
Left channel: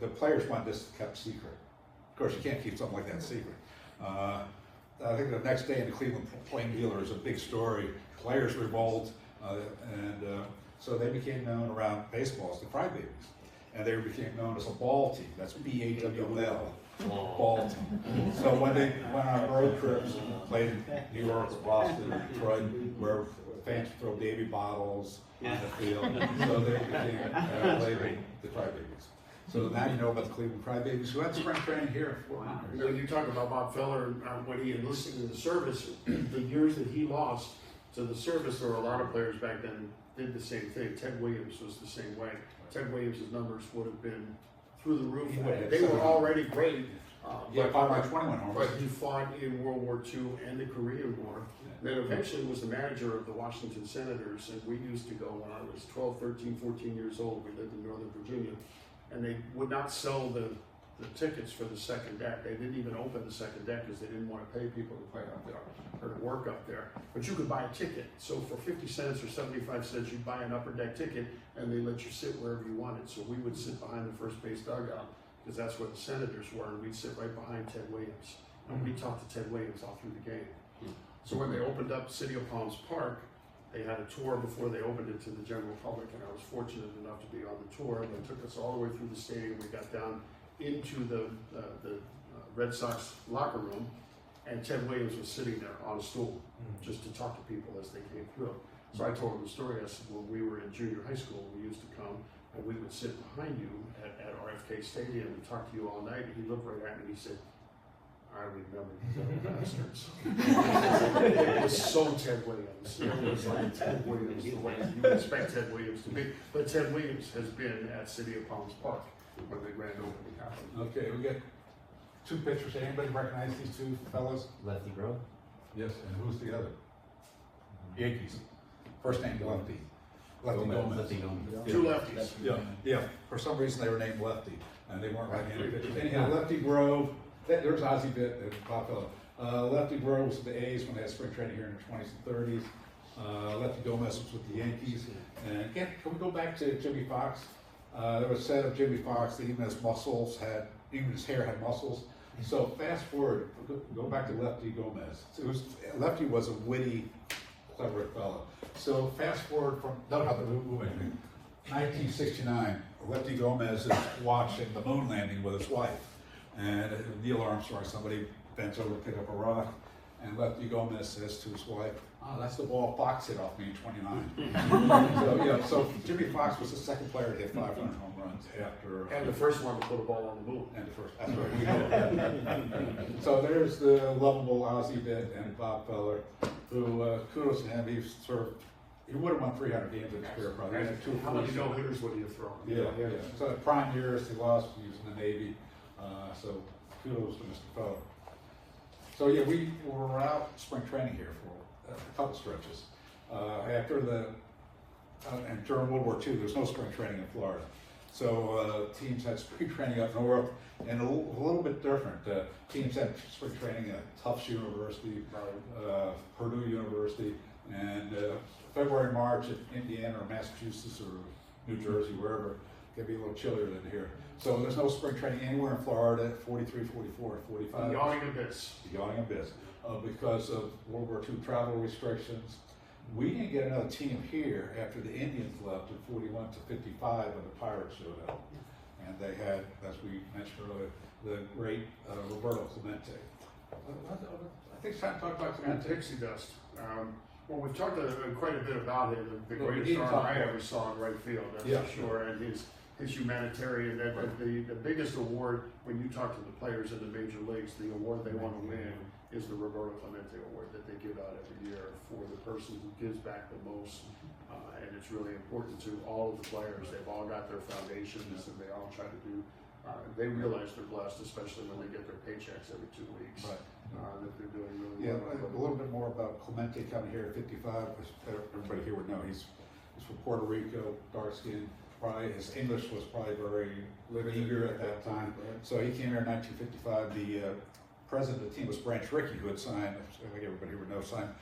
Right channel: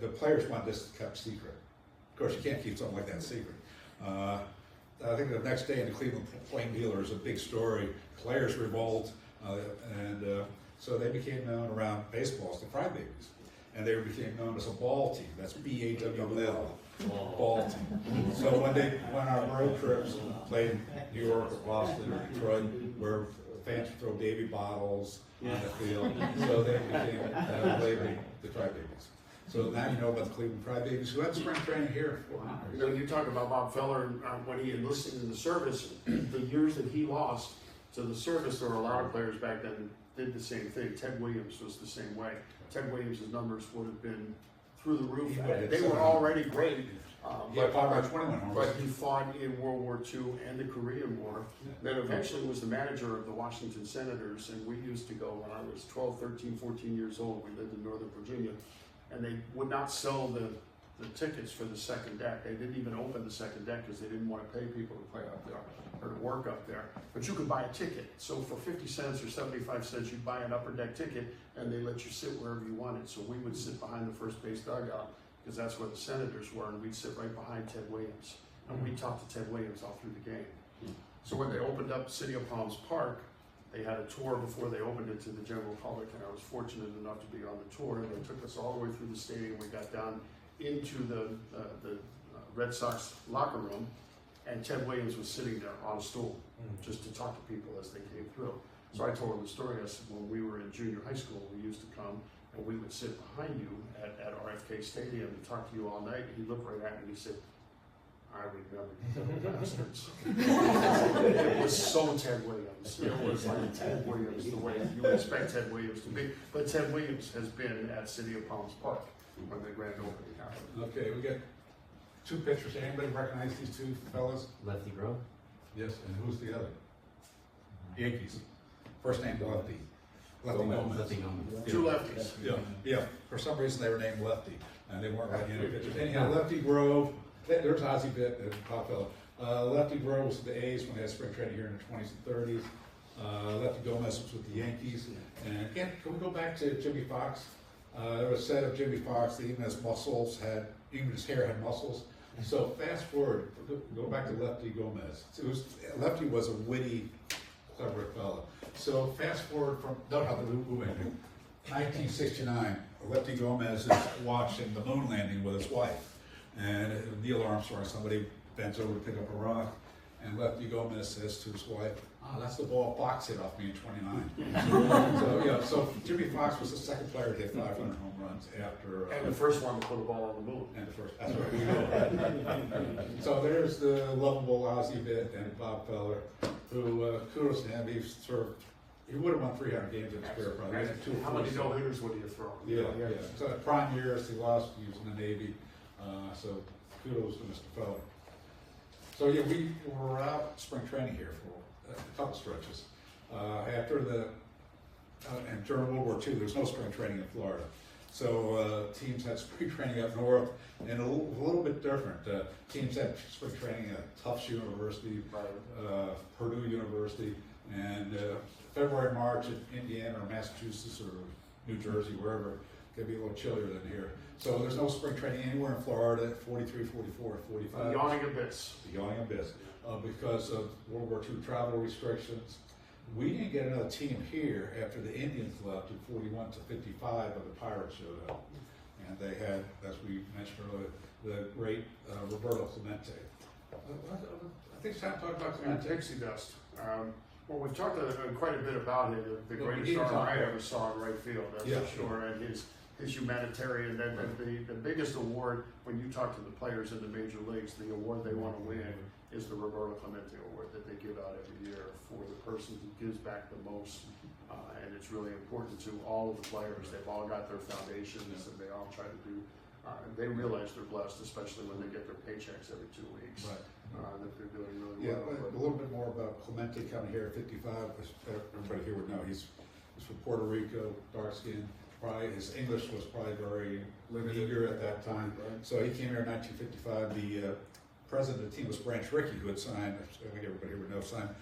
The players wanted this kept secret. Of course, you can't keep something like that secret. I think the next day in the Cleveland Plain Dealer is a big story. Players revolt, so they became known around baseball as the Crybabies. And they became known as a ball team. That's BAWL, ball team. So when they went on road trips, played in New York, Boston, Detroit, where fans throw baby bottles on the field, so they became later the Crybabies. So now you know about the Cleveland Crybabies, who had spring training here. You know, you talk about Bob Feller, when he enlisted in the service, the years that he lost to the service, there were a lot of players back then did the same thing. Ted Williams was the same way. Ted Williams' numbers would have been through the roof. Yeah, They were already great. Yeah, 5 by 21 homers. But he fought in World War II and the Korean War. Then eventually was the manager of the Washington Senators, and we used to go when I was 12, 13, 14 years old. We lived in Northern Virginia, and they would not sell the tickets for the second deck. They didn't even open the second deck because they didn't want to pay people to play up there or to work up there. But you could buy a ticket. So for 50 cents or 75 cents, you'd buy an upper deck ticket, and they let you sit wherever you wanted. So we would sit behind the first base dugout because that's where the Senators were, and we'd sit right behind Ted Williams. And we talked to Ted Williams all through the game. So when they opened up City of Palms Park, they had a tour before they opened it to the general public, and I was fortunate enough to be on the tour. They took us all the way through the stadium. We got down into the Red Sox locker room, and Ted Williams was sitting there on a stool just to talk to people as they came through. So I told him the story. I said, when we were in junior high school, we used to come and we would sit behind you at RFK Stadium and talk to you all night. And he looked right at me and he said, "I remember you little bastards." It was so Ted Williams. It was like Ted Williams, the way you would expect Ted Williams to be. But Ted Williams has been at City of Palms Park when the grand opening happened. Okay, we got two pictures. Anybody recognize these two fellas? Lefty Grove? Yes, and who's the other? Yankees. First name Lefty. Lefty Gomez. Lefty Gomez. Two lefties. Yeah. For some reason they were named Lefty, and they weren't right-handed. Anyhow, Lefty Grove. There's Ozzie Vitt and Bob Feller. Lefty Grove was with the A's when they had spring training here in the 20s and 30s. Lefty Gomez was with the Yankees. And yeah, can we go back to Jimmy Fox? There was said of Jimmy Fox that even his hair had muscles. So fast forward, go back to Lefty Gomez. Lefty was a witty, clever fellow. So fast forward from, don't have to move anything. 1969, Lefty Gomez is watching the moon landing with his wife. And Neil Armstrong, somebody bends over to pick up a rock, and Lefty Gomez says to his wife, "Oh, that's the ball Fox hit off me in 29. So Jimmy Fox was the second player to hit 500 home runs after. And the first one to put a ball on the moon. And the first, that's right, we know. So there's the lovable Ozzie Vitt and Bob Feller, who, kudos to him, he would have won 300 games in his career, probably. He had How many no-hitters would he have thrown? Yeah. So at prime years, he lost, he was in the Navy, so kudos to Mr. Feller. So yeah, we were out spring training here for a couple stretches. And during World War II, there's no spring training in Florida. So teams had spring training up north, and a little bit different. Teams had spring training at Tufts University, Purdue University. And February, March in Indiana or Massachusetts or New Jersey, wherever, it'll be a little chillier than here. So there's no spring training anywhere in Florida at 43, 44, 45. A yawning abyss. Yawning abyss. Because of World War II travel restrictions. We didn't get another team here after the Indians left in 41 to 55 when the Pirates showed up. And they had, as we mentioned earlier, the great Roberto Clemente. I think it's time to talk about And Clemente. pixie dust. Well, we've talked quite a bit about him, the Well, we greatest need to arm talk I more. ever saw in right field, that's Yeah. for sure, and his humanitarian, the biggest award, when you talk to the players in the major leagues, the award they want to win is the Roberto Clemente Award that they give out every year for the person who gives back the most, and it's really important to all of the players. They've all got their foundations, and they all try to do, they realize they're blessed, especially when they get their paychecks every 2 weeks. Right. That they're doing really Yeah, well. a little bit more about Clemente coming here at 55, because everybody here would know he's from Puerto Rico, dark skin. Probably his English was probably very meager at that time. So he came here in 1955. The president of the team was Branch Rickey, who had signed, I think everybody would know, signed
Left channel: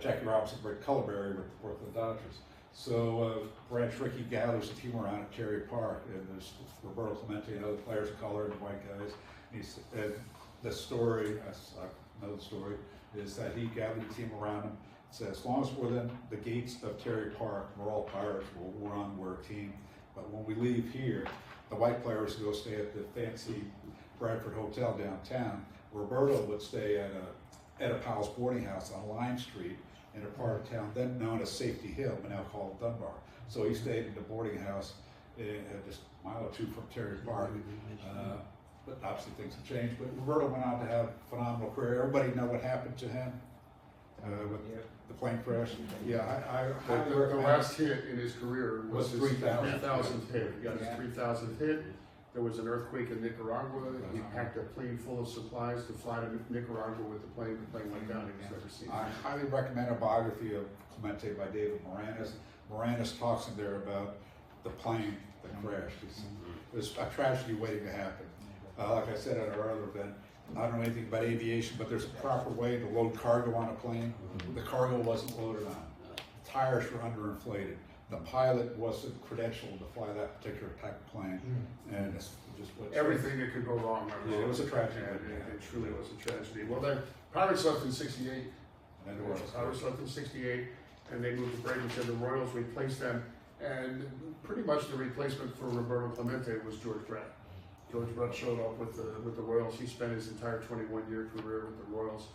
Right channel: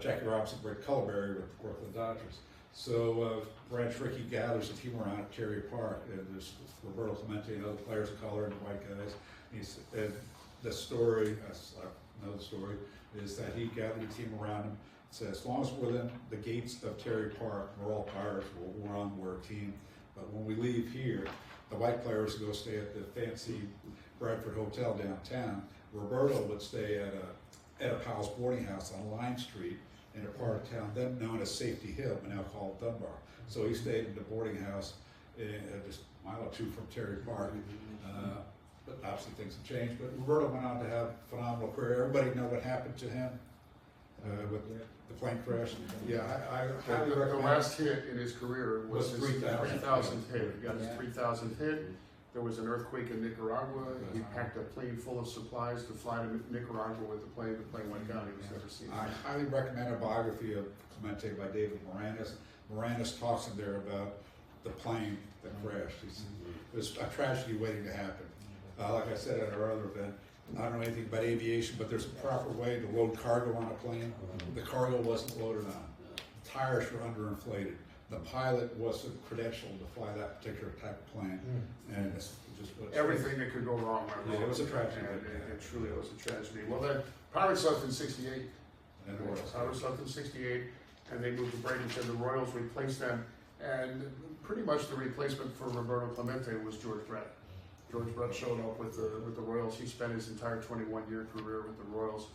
Jackie Robinson, Rick Culberry with the Portland Dodgers. So Branch Rickey gathers a team around at Terry Park, and there's Roberto Clemente and other players of color and white guys. And the story, another story, is that he gathered a team around him. Said, as long as we're within the gates of Terry Park, we're all Pirates, we'll run, we're a team. But when we leave here, the white players go stay at the fancy Bradford Hotel downtown. Roberto would stay at a Powell's boarding house on Lime Street in a part of town then known as Safety Hill, but now called Dunbar. So he stayed in the boarding house just a mile or two from Terry Park. But obviously things have changed. But Roberto went on to have a phenomenal career. Everybody know what happened to him with the plane crash. Yeah, I highly The recommend. last hit in his career was his 3,000. 3,000th hit. He got his 3,000th hit. There was an earthquake in Nicaragua. He packed a plane full of supplies to fly to Nicaragua with the plane. The plane went down. He was never seen. I highly recommend a biography of Clemente by David Moranis. Moranis talks in there about the plane that crashed. It was a tragedy waiting to happen. Like I said at our other event, I don't know anything about aviation, but there's a proper way to load cargo on a plane. The cargo wasn't loaded on. The tires were underinflated. The pilot wasn't credentialed to fly that particular type of plane. And it's just Everything that could go wrong went wrong. Yeah, it was a tragedy. And it truly was a tragedy. Well, the Pirates left in '68. And it was. Pirates left in '68, and they moved to Bradenton. The Royals replaced them, and pretty much the replacement for Roberto Clemente was George Brett. George Brett showed up with the Royals. He spent his entire 21-year career with the Royals.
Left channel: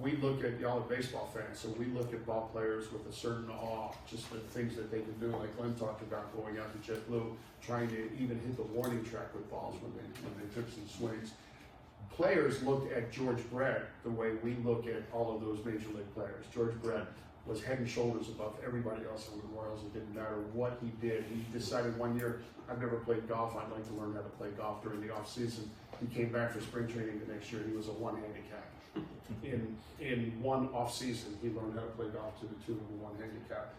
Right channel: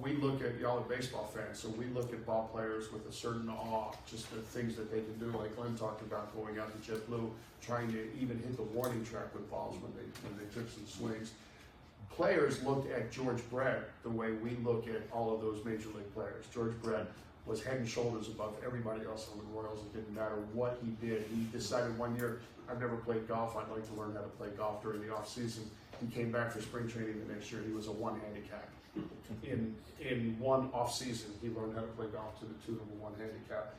We look at, y'all are baseball fans, so we look at ball players with a certain awe, just the things that they can do, like Glenn talked about going out to JetBlue, trying to even hit the warning track with balls when they took some swings. Players looked at George Brett the way we look at all of those major league players. George Brett was head and shoulders above everybody else on the Royals. It didn't matter what he did. He decided one year, I've never played golf, I'd like to learn how to play golf during the off season. He came back for spring training the next year, he was a one handicap. In one off season, he learned how to play golf to the tune of a one handicap.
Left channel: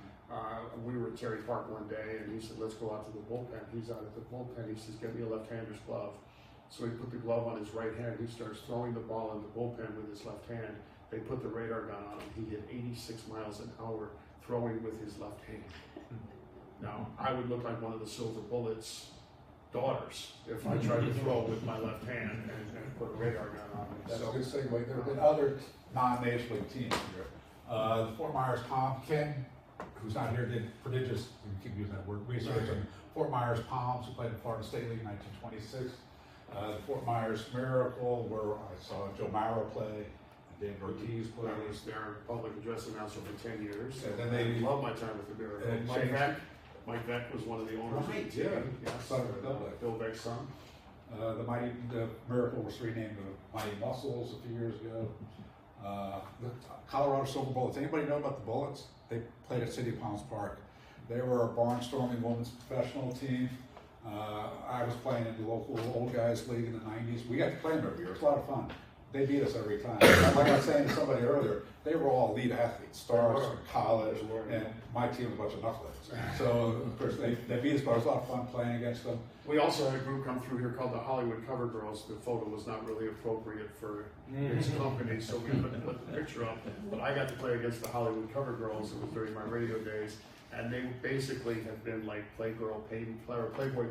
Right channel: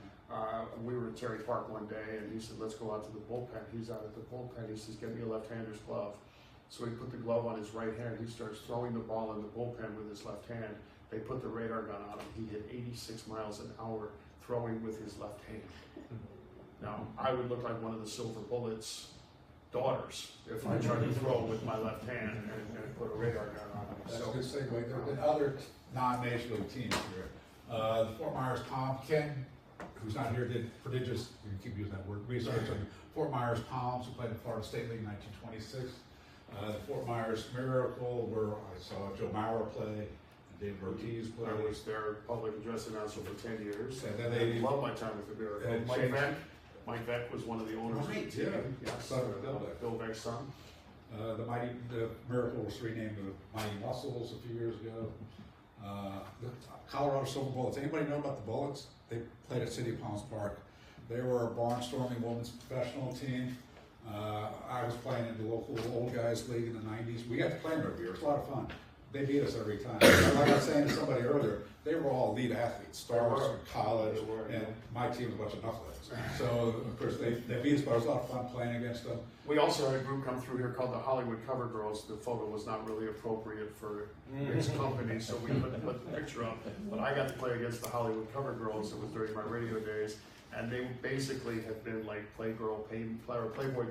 We were at Terry Park one day, and he said, let's go out to the bullpen. He's out at the bullpen, he says, get me a left-hander's glove. So he put the glove on his right hand, he starts throwing the ball in the bullpen with his left hand. They put the radar gun on him, he hit 86 miles an hour throwing with his left hand. Now, I would look like one of the Silver Bullets daughters if I tried to throw with my left hand and put a radar gun on him. That's So, a good segue. There have been other non-major league teams here. The Fort Myers Palm, Ken, who's not here, did prodigious, you keep using that word, research on Fort Myers Palms, who played in the Florida State League in 1926. The Fort Myers Miracle, where I saw Joe Mauer play, David Ortiz play. I was their public address announcer for 10 years. And then they- love my time with the Miracle. And Mike Veck was one of the owners of the Right, team. yeah. Yes, Son of Bill Veck. Bill Veck's son. The Miracle was renamed the Mighty Muscles a few years ago. The Colorado Silver Bullets. Anybody know about the Bullets? They played at City of Palms Park. They were a barnstorming women's professional team. I was playing in the local old guys league in the 90s. We got to play them every year. It was a lot of fun. they beat us every time. Like I was saying to somebody earlier, they were all elite athletes, stars from college, and my team was a bunch of knuckleheads. So, of course, they beat us, but it was a lot of fun playing against them. We also had a group come through here called the Hollywood Cover Girls. The photo was not really appropriate for its company, so we couldn't put the picture up. But I got to play against the Hollywood Cover Girls. It was during my radio days, and they basically had been like Playboy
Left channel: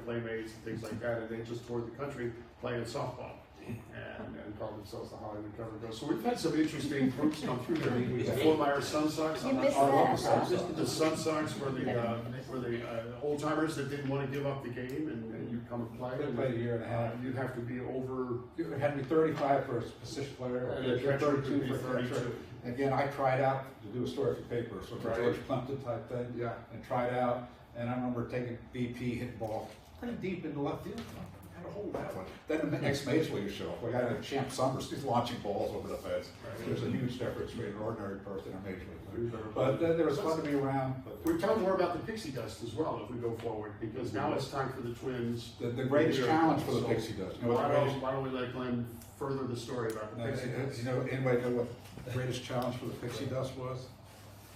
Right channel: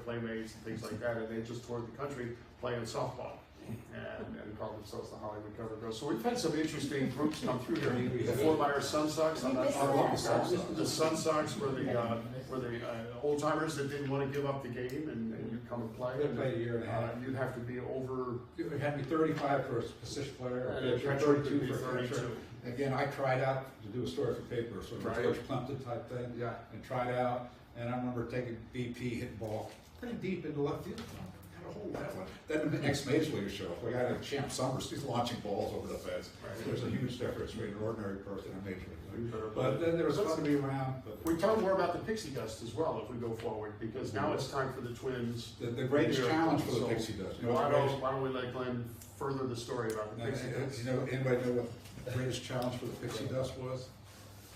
playmates and things like that, and they just toured the country playing softball. And called themselves the Hollywood Cover Girls. So we've had some interesting groups come through here. The Fort Myers Sun Sox. I'm not sure. The Sun Sox were the old timers that didn't want to give up the game, and you'd come and play. We played a year and a half. You'd have to be over. You had to be 35 for a position player, And the or catcher could 32 be for a 32. catcher. Again, I tried out to do a story for paper, sort of Right. George Plimpton type thing. Yeah. And tried out, and I remember taking BP, hitting ball pretty deep into left field. I had a hole that one. Then the next Major League show up. Like I had Champ Summers, he's launching balls over the fence. Right. There's a huge difference between an ordinary person and a Major League. Better But then there was fun to be around. But We talk more about the Pixie Dust as well if we go forward, because now it's time for the Twins. the greatest challenge for the So, Pixie Dust. You know Why what the don't we let Glenn further the story about the Pixie Dust? Anybody know what the greatest challenge for the Pixie Dust was?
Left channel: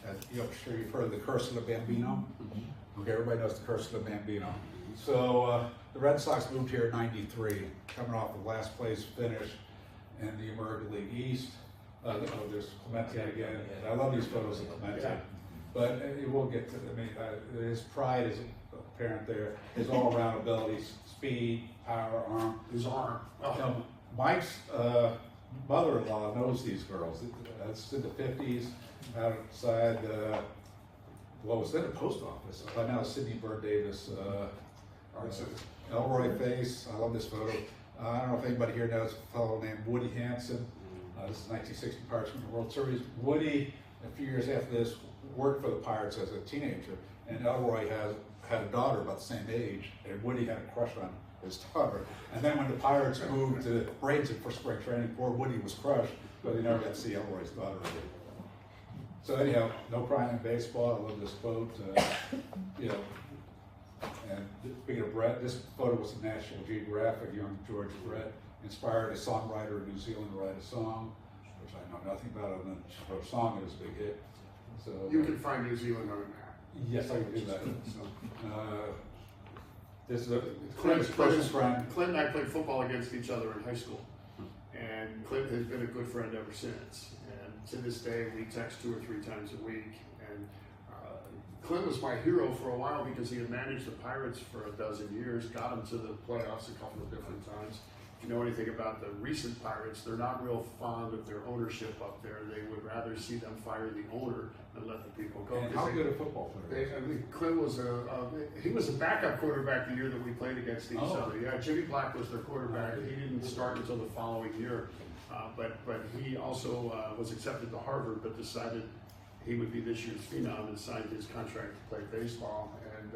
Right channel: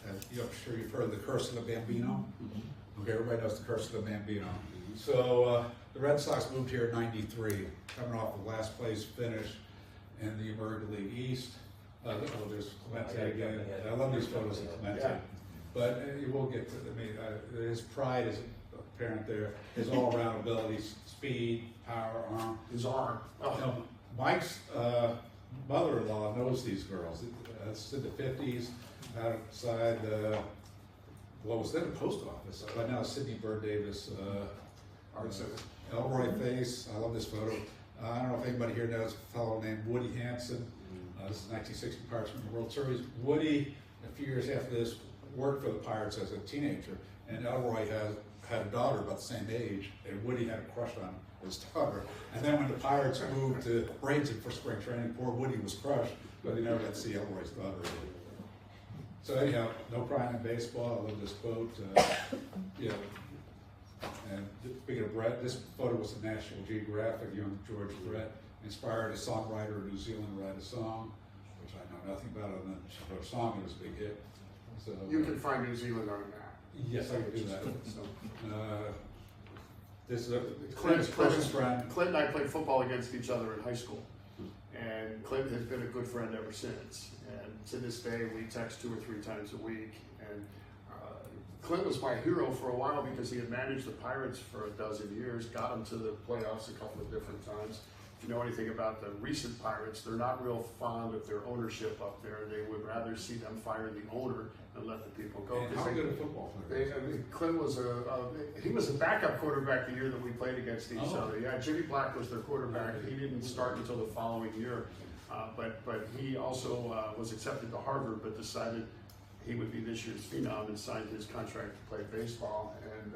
I'm sure you've heard of the Curse of the Bambino. Okay, everybody knows the Curse of the Bambino. So the Red Sox moved here in '93, coming off the last place finish in the American League East. There's Clemente again. I love these photos of Clemente. Yeah. But you will get to his pride is apparent there. His all-around abilities, speed, power, arm. His arm. Now, Mike's mother-in-law knows these girls. That's in the 50s, outside, well, it was then a post office. By now, Sidney Bird Davis, Elroy Face. I love this photo. I don't know if anybody here knows a fellow named Woody Hansen. This is 1960 Pirates from the World Series. Woody, a few years after this, worked for the Pirates as a teenager, and Elroy had a daughter about the same age, and Woody had a crush on his daughter. And then when the Pirates moved to Bradenton for spring training, poor Woody was crushed, but he never got to see Elroy's daughter again. So anyhow, no crying in baseball. I love this quote. And speaking of Brett, this photo was the National Geographic. Young George Brett inspired a songwriter in New Zealand to write a song, which I know nothing about, and then wrote a song that was a big hit. So You can find New Zealand on a map. yes, I can do that. So, This is a Clint's closest friend. Clint and I played football against each other in high school, and Clint has been a good friend ever since. And to this day, we text 2 or 3 times a week. And Clint was my hero for a while because he had managed the Pirates for a dozen years, got them to the playoffs a couple of different times. If you know anything about the recent Pirates, they're not real fond of their ownership up there. They would rather see them fire the owner and let the people go. And how good a football player? Clint was a backup quarterback the year that we played against each other. Yeah, Jimmy Black was their quarterback. He didn't start until the following year, but he also was accepted to Harvard, but decided he would be this year's phenom and signed his contract to play baseball. And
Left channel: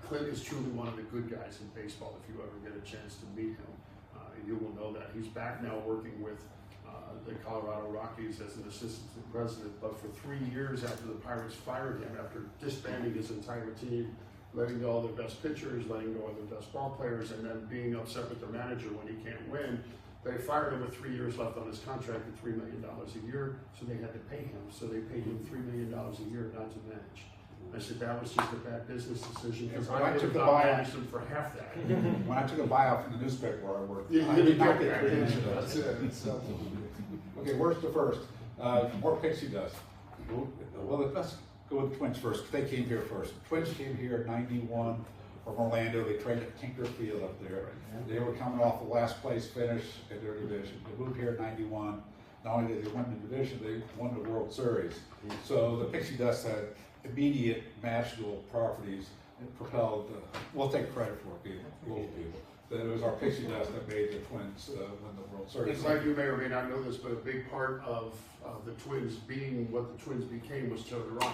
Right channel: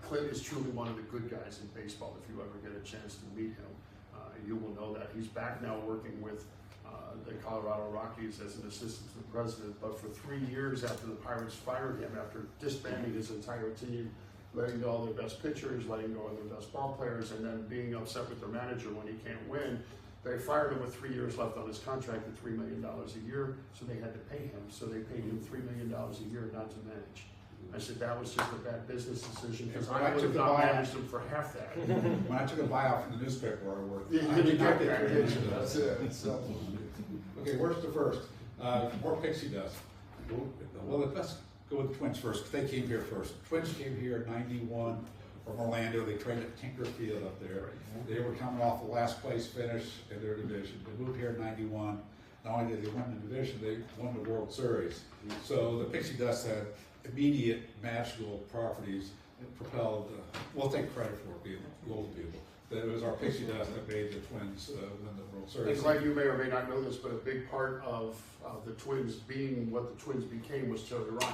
Clint is truly one of the good guys in baseball. If you ever get a chance to meet him, you will know that. He's back now working with the Colorado Rockies as an assistant to the president, but for 3 years after the Pirates fired him, after disbanding his entire team, letting go of their best pitchers, letting go of their best ball players, and then being upset with their manager when he can't win, they fired him with 3 years left on his contract at $3 million a year, so they had to pay him. So they paid him $3 million a year not to manage. I said, that was just a bad business decision, because I would have not managed him for half that. When I took a buyout from the newspaper where I worked, You I didn't did not get get that, any did you? of that. That's it. So, Okay, where's the first? More Pixie Dust. Well, let's go with the Twins first. They came here first. Twins came here in '91 from Orlando. They traded Tinker Field up there. They were coming off the last place finish in their division. They moved here in '91. Not only did they win the division, they won the World Series. So the Pixie Dust had immediate national properties that propelled, we'll take credit for it, people. That it was our Pixie Dust that made the Twins win the World Series. it's like you may or may not know this, but a big part of the Twins being what the Twins became was Terry Ryan.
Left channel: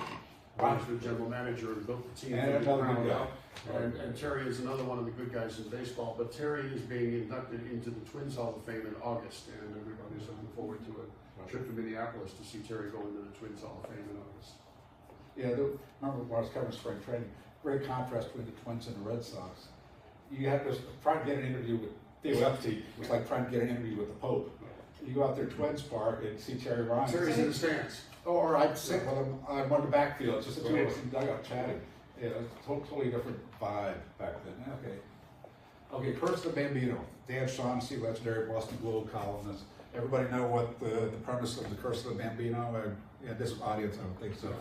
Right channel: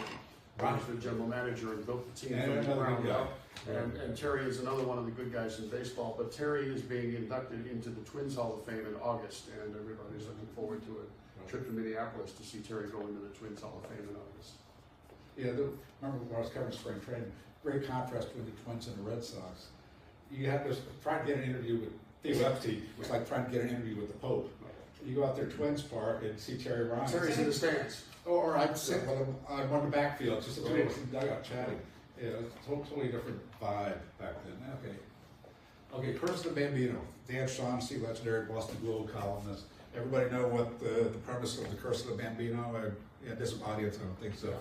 He was the general manager and built the team And from the another ground good guy. up. And Terry is another one of the good guys in baseball, but Terry is being inducted into the Twins Hall of Fame in August, and everybody's looking forward to a trip to Minneapolis to see Terry go into the Twins Hall of Fame in August. Yeah, remember when I was covering spring training, great contrast between the Twins and the Red Sox. You had to try to get an interview with Theo Epstein was like trying to get an interview with the Pope. you go out there Twins Park and see Terry Ryan. Terry's in the stands. Or I'd sit with him on one of the backfield, just the two of us in the dugout chatting. Yeah, totally different vibe back then. Okay, Curse of the Bambino, Dan Shaughnessy, legendary Boston Globe columnist. Everybody know what the premise of the Curse of the Bambino? Yeah, this audience, I don't think so.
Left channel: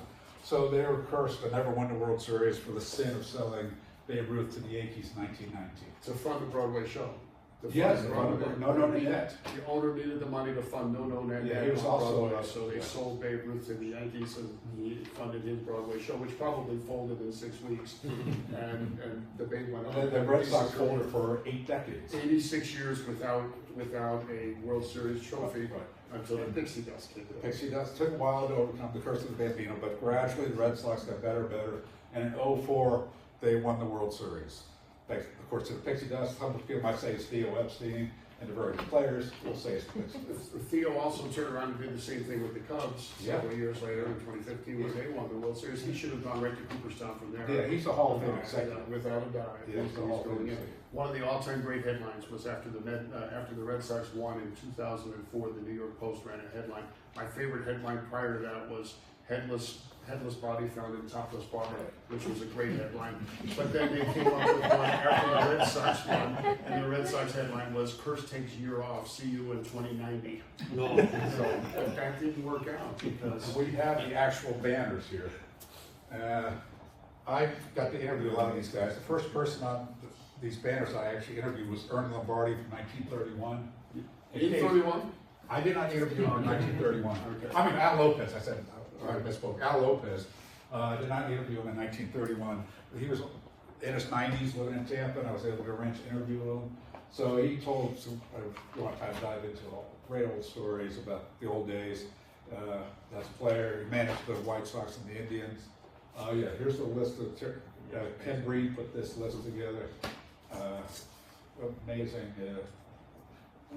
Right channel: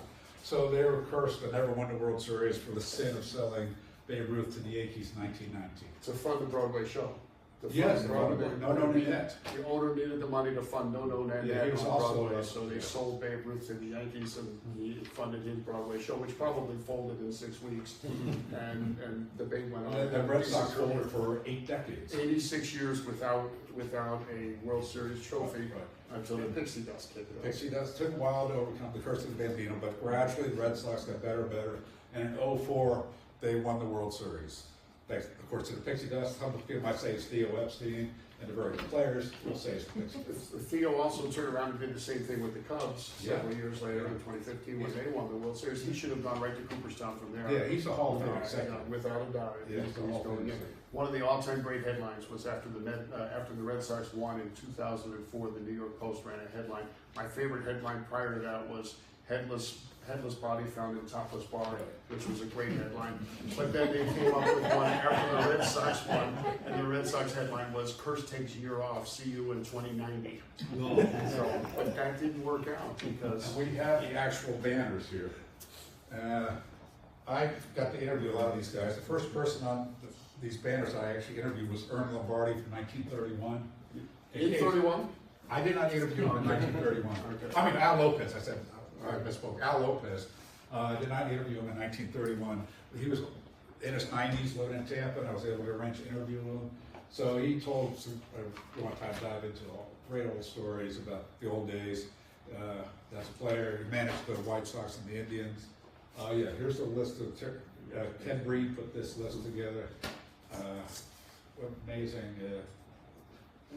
So they were cursed but never won the World Series for the sin of selling Babe Ruth to the Yankees in 1919. To fund the Broadway show. To fund Yes, the Broadway. No Net. The owner needed the money to fund No Net Yeah, he was on also Broadway, a- so they sold Babe Ruth to the Yankees and he funded his Broadway show, which probably folded in 6 weeks. and the Babe went on. And the Red Sox won it for 8 decades. 86 years without a World Series trophy until the Pixie Dust kicked it. Pixie Dust took a while to overcome the Curse of the Bambino, but gradually the Red Sox got better and better. And in 04, they won the World Series. Thanks, of course, to the Pixie Dust. Some people might say it's Theo Epstein, and the very good players will say it's the Pixie Dust. Theo also turned around and did the same thing with the Cubs several years later in 2015 when they won the World Series. He should have gone right to Cooperstown from there. Yeah, he's a Hall of Fame executive. Without a doubt. Yeah, he's a Hall of Fame going in. executive. One of the all-time great headlines was after the Red Sox won in 2004. The New York Post ran a headline. My favorite headline prior to that was headless body found in topless bar, which was a great headline. But then they came up with one after the Red Sox won, and the Red Sox headline was "Curse takes a year off. See you in 2090." So, but that didn't work out because We have the actual banners here. I got to interview a lot of these guys. The first person on these banners I actually interviewed was Ern Lombardi from 1931. in 31. I did not interview him in 1931. Okay. I mean, Al Lopez, I said, I misspoke. Al Lopez. I did not interview him in 1931. He was in his 90s living in Tampa, and I was able to arrange an interview with him. So he told some, a long time dive into all great old stories about the old days. As a player, he managed the White Sox and the Indians. Yeah, here's a list of, Ken Breed put this list together. Amazing.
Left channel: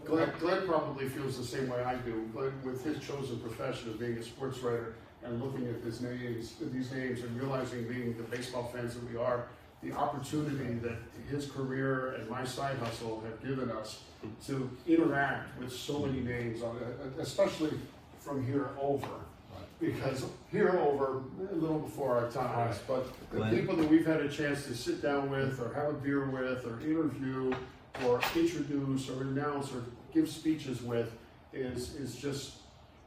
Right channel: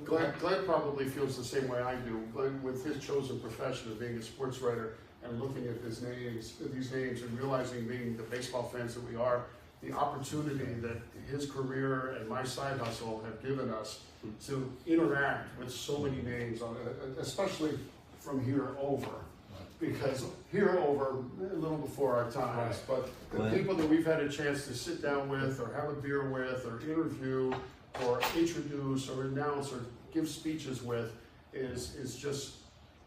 Glenn probably feels the same way I do. Glenn, with his chosen profession of being a sports writer and looking at these names and realizing, being the baseball fans that we are, the opportunity that his career and my side hustle have given us to interact with so many names, especially from here over. Because here over, a little before our times, but the people that we've had a chance to sit down with or have a beer with or interview or introduce or announce or give speeches with is just,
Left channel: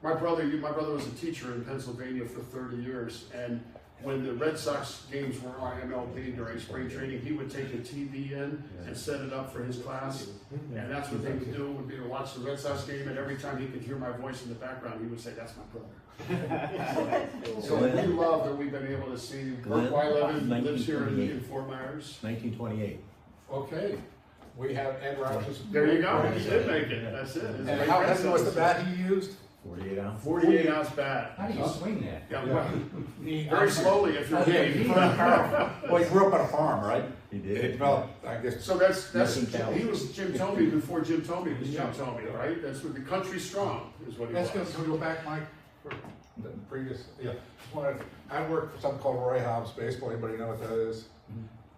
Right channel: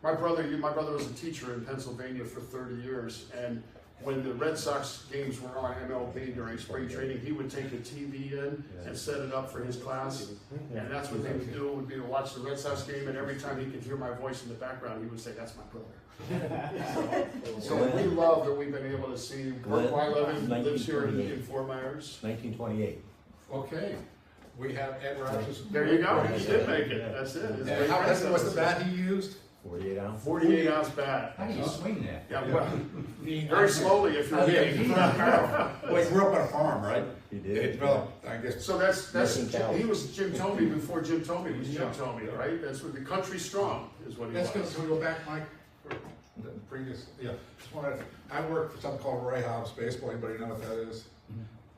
my brother was a teacher in Pennsylvania for 30 years, and when the Red Sox games were on MLB during spring training, he would take a TV in and set it up for his class, and that's what they would do, would be to watch the Red Sox game, and every time he could hear my voice in the background, he would say, "That's my brother." So we love that we've been able to see Burt Weiler lives here in Fort Myers. 1928. Okay. We have Ed Rogers. There you go. He did make it. That's it. His And great how heavy was the grandson. bat he used? 48 ounce. 48 ounce bat. How do you swing that? Yeah, well, very slowly if you're Well, he grew up on a farm, right? He did. It developed, I guess. So that's Missing talent. he was Jim Thome before Jim Thome was Jim Thome, right? That's what the country strong is what he Let's go, was. can we go back, Mike? For the previous, yeah. Just wanted, I work for something called Roy Hobbs Baseball. Anybody know what that is?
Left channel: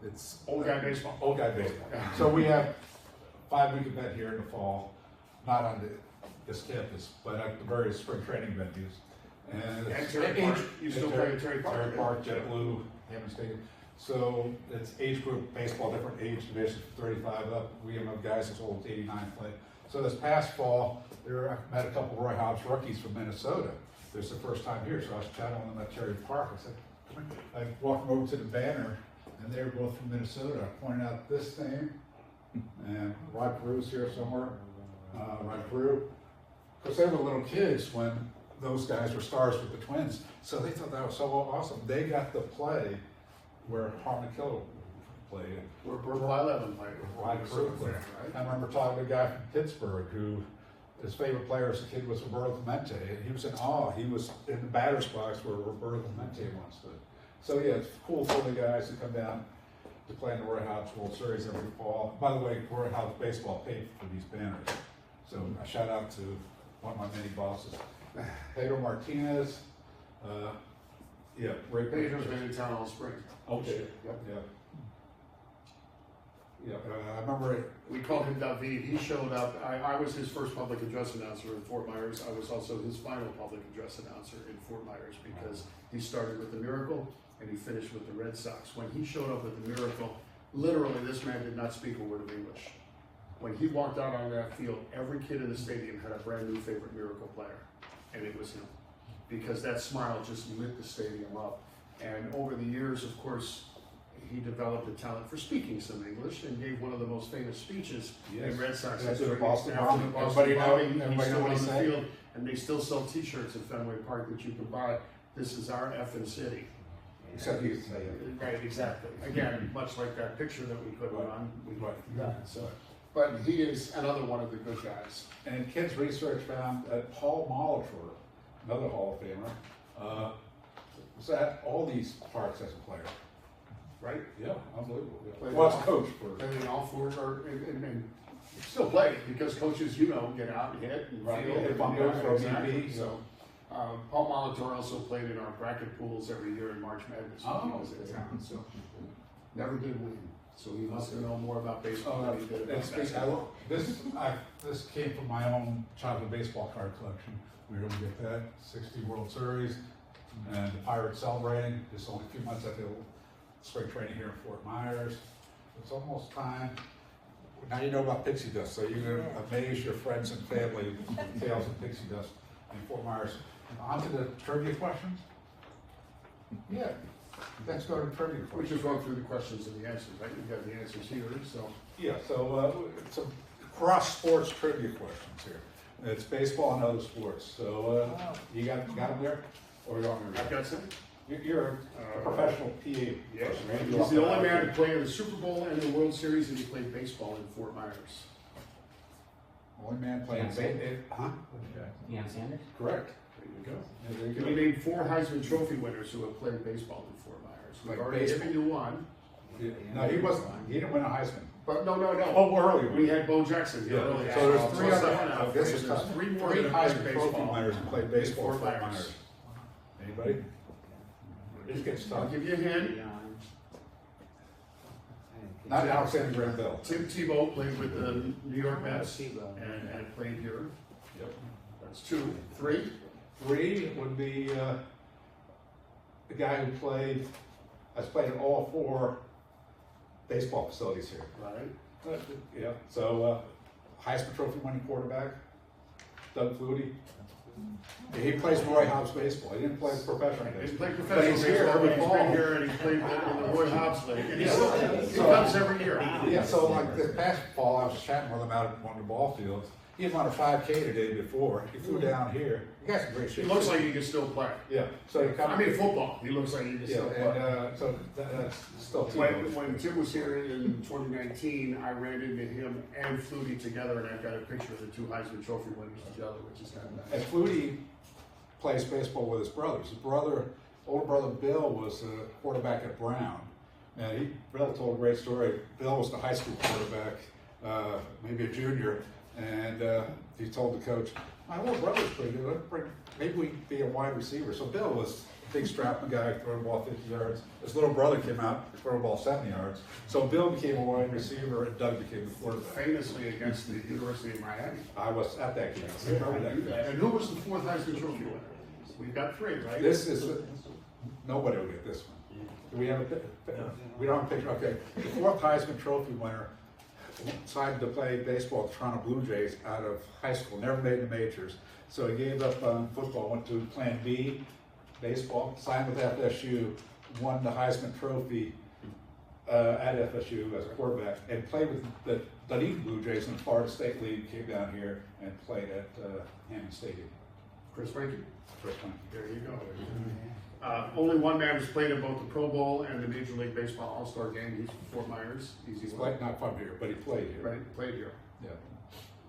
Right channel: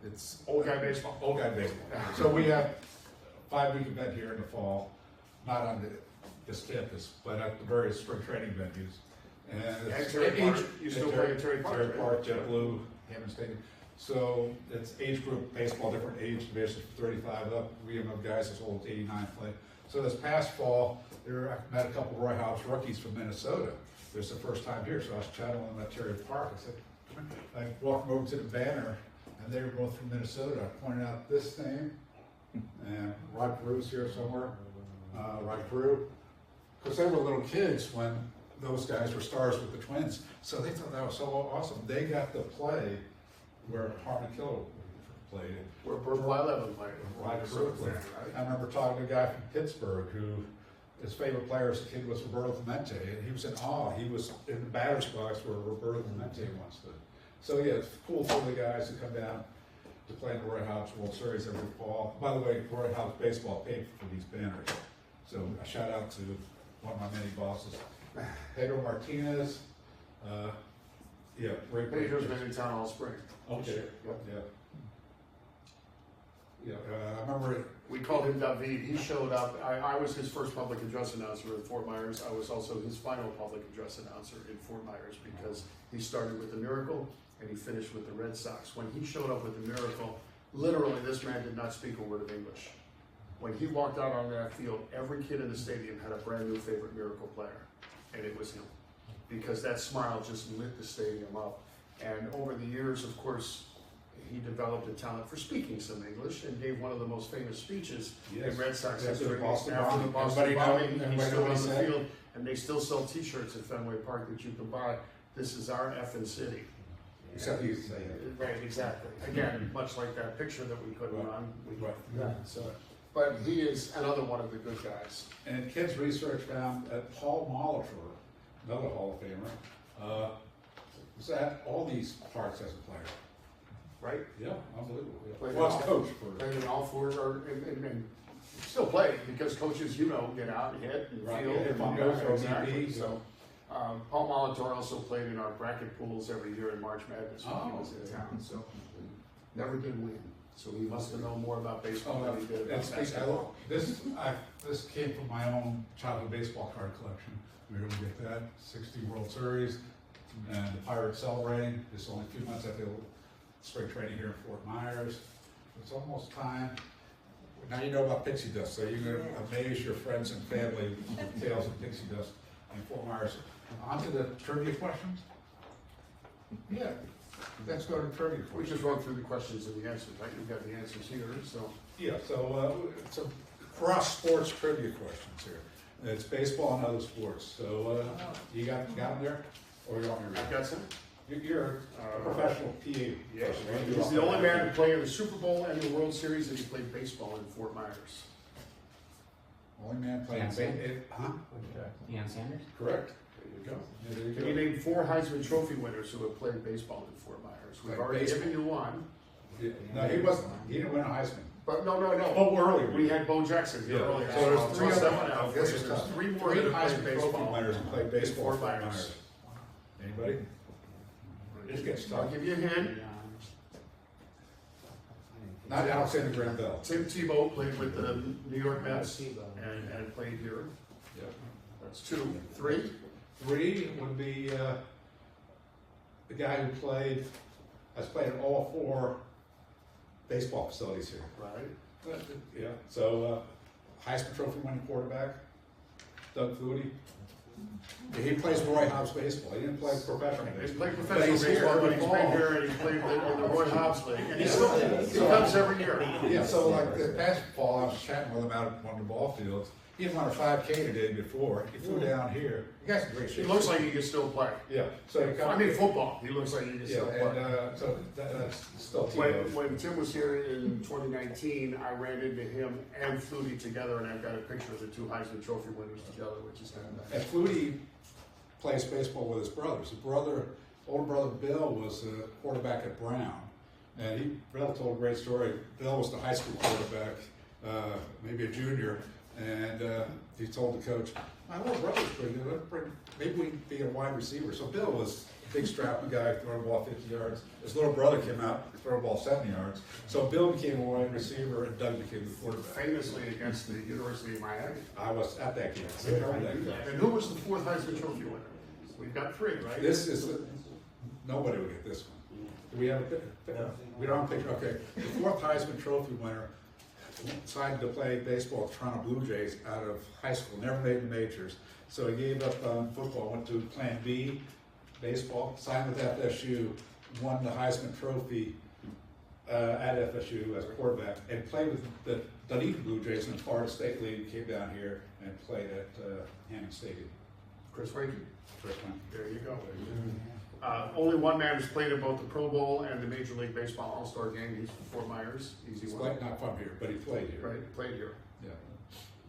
It's Old guy baseball. Old guy baseball. So we have 5-week event here in the fall, not on this campus, but at the various spring training venues. And At it's Terry Park. You still play at Terry Park, Terry right? Park, JetBlue, Hammond Stadium. So it's age group baseball, different age divisions, 35 up. We have guys as old as 89 play. So this past fall, I met a couple of Roy Hobbs rookies from Minnesota. It was the first time here, so I was chatting with them at Terry Park. I said, come on. I walked over to the banner, and they were both from Minnesota. I pointed out this name, and Rod Perew's here somewhere. Rod Perew. Because they were little kids when those guys were stars with the Twins. So they thought that was so awesome. They got to play where Harvey Killer played. Where Burt Weiler played. Rod Perew played. I remember talking to a guy from Pittsburgh who his favorite player as a kid was Roberto Clemente. And he was in awe. He was in the batter's box where Roberto Clemente once stood. So yeah, it's cool for the guys to come down to play in the Roy Hobbs World Series every fall. By the way, Roy Hobbs Baseball paid for these banners. So a shout out to one of my many bosses. Pedro Martinez, yeah, great Pedro's pictures. been in town all spring. Okay, Yep. yeah. Yeah, I remember, We called him David. He showed up. I was his first public address announcer in Fort Myers. I was also his final public address announcer in Fort Myers because he started with the Miracle and he finished with the Red Sox. When he showed up with the Miracle, literally this man did not speak a word of English. When he walked out on that field, every kid in the stadium had a brand new favorite Miracle player, and it was him. Because that smile just lit the stadium up. And over the years, of course, he developed a talent for speaking some English and gave one of the most famous speeches in Red Sox Yes, history. the Boston After the Bomb. Boston Everybody bombing, he everybody stood know what on he the said? field, and they still sell T-shirts at Fenway Park that you can buy. This is our effing city. except he used to say it. Right, exactly. Again, much like that picture that we put on, we Right. that. So, but he is another one of the good guys. And kids research found that Paul Molitor, another Hall of Famer, was at all these parks as a player. Right? Yeah, unbelievable. Played Was all- coach for. Played in all four, and still play because coaches, you know, get out and hit and Right, field. yeah, and fumble, throw exactly. DB, So, Paul Molitor also played in our bracket pools every year in March Madness when he Oh, was in okay. town. So, never did win. So he must have known more about baseball Oh, than he did about that's basketball. this came from my own childhood baseball card collection. We were gonna get that 60 World Series and the Pirates celebrating. It's only 2 months at the spring training here in Fort Myers. It's almost time. Now you know about pixie dust, so you're gonna amaze your friends and family with tales of pixie dust in Fort Myers. On to the trivia questions. Yeah, let's go to the trivia We questions. just run through the questions and the answers, right? You've got the answers here, so. Yeah, so some cross sports trivia questions here. It's baseball and other sports. So you got them there, or you're on your? I've got some. You're a professional PA. Yes, person, right? he's the only man to play in the Super Bowl and the World Series, and he played baseball in Fort Myers. Only man playing. Can't say. Huh? Deion Sanders? Correct. There you go. There you He go. named 4 Heisman Trophy winners who have played baseball in Fort Myers. We've Like already baseball? given you one, No, he wasn't. He didn't win a Heisman. but no. Oh, earlier. We had Bo Jackson here Yeah. earlier. So there's three plus other. that one out. This is There's tough. 3 more Three that have Heisman played Trophy baseball. winners who played in baseball Fort for Fort Myers. Myers. Anybody? This gets I'll tough. give you a hint. Not Alexander Graham Bell. Tim Tebow played with the New York Mets and played here. Yep. That's 2. 3. 3 would be the guy who has played in all 4 baseball facilities here. Right. Yeah. So Heisman Trophy winning quarterback, Doug Flutie. He plays Roy Hobbs baseball. He didn't play professional He baseball. played But professional he's here baseball, but every he's fall. been here and he's played in the Roy Hobbs League. And he comes every year. Yeah, so like this past fall, I was chatting with him out at one of the ball fields. He had won a 5K the day before. He flew down here. He got some great He shape. looks like he can still play. Yeah. So he I mean, football, he looks like he can yeah, still and play. so that's still When Tim was here in 2019, I ran into him and Flutie together, and I've got a picture of the 2 Heisman Trophy winners together, which is kind of And Flutie plays baseball with his brothers. His older brother Bill was the quarterback at Brown. And Bill told a great story. Bill was the high school quarterback, maybe a junior, and he told the coach, "My little brother's pretty good. Maybe we can be a wide receiver." So Bill was a big strapping guy, throwing the ball 50 yards. His little brother came out, throw the ball 70 yards. So Bill became a wide receiver, and Doug became the quarterback. famously against the University of Miami. I was at that game. And who was the 4th Heisman Trophy winner? We've got 3, right? This is, nobody will get this one. Do we have we don't have a picture, okay. The 4th Heisman Trophy winner decided to play baseball with the Toronto Blue Jays out of high school, never made the majors. So he gave up on football, went to Plan B, baseball, signed with FSU, won the Heisman Trophy at FSU as a quarterback, and played with the Dunedin Blue Jays in the Florida State League, came down here and played at Hammond Stadium. Chris Frankie. First one. There you go. Only one man has played in both the Pro Bowl and the Major League Baseball All-Star game. He's from Fort Myers. Easy He's one. like not from here, but he played here. Right, played here. Yeah.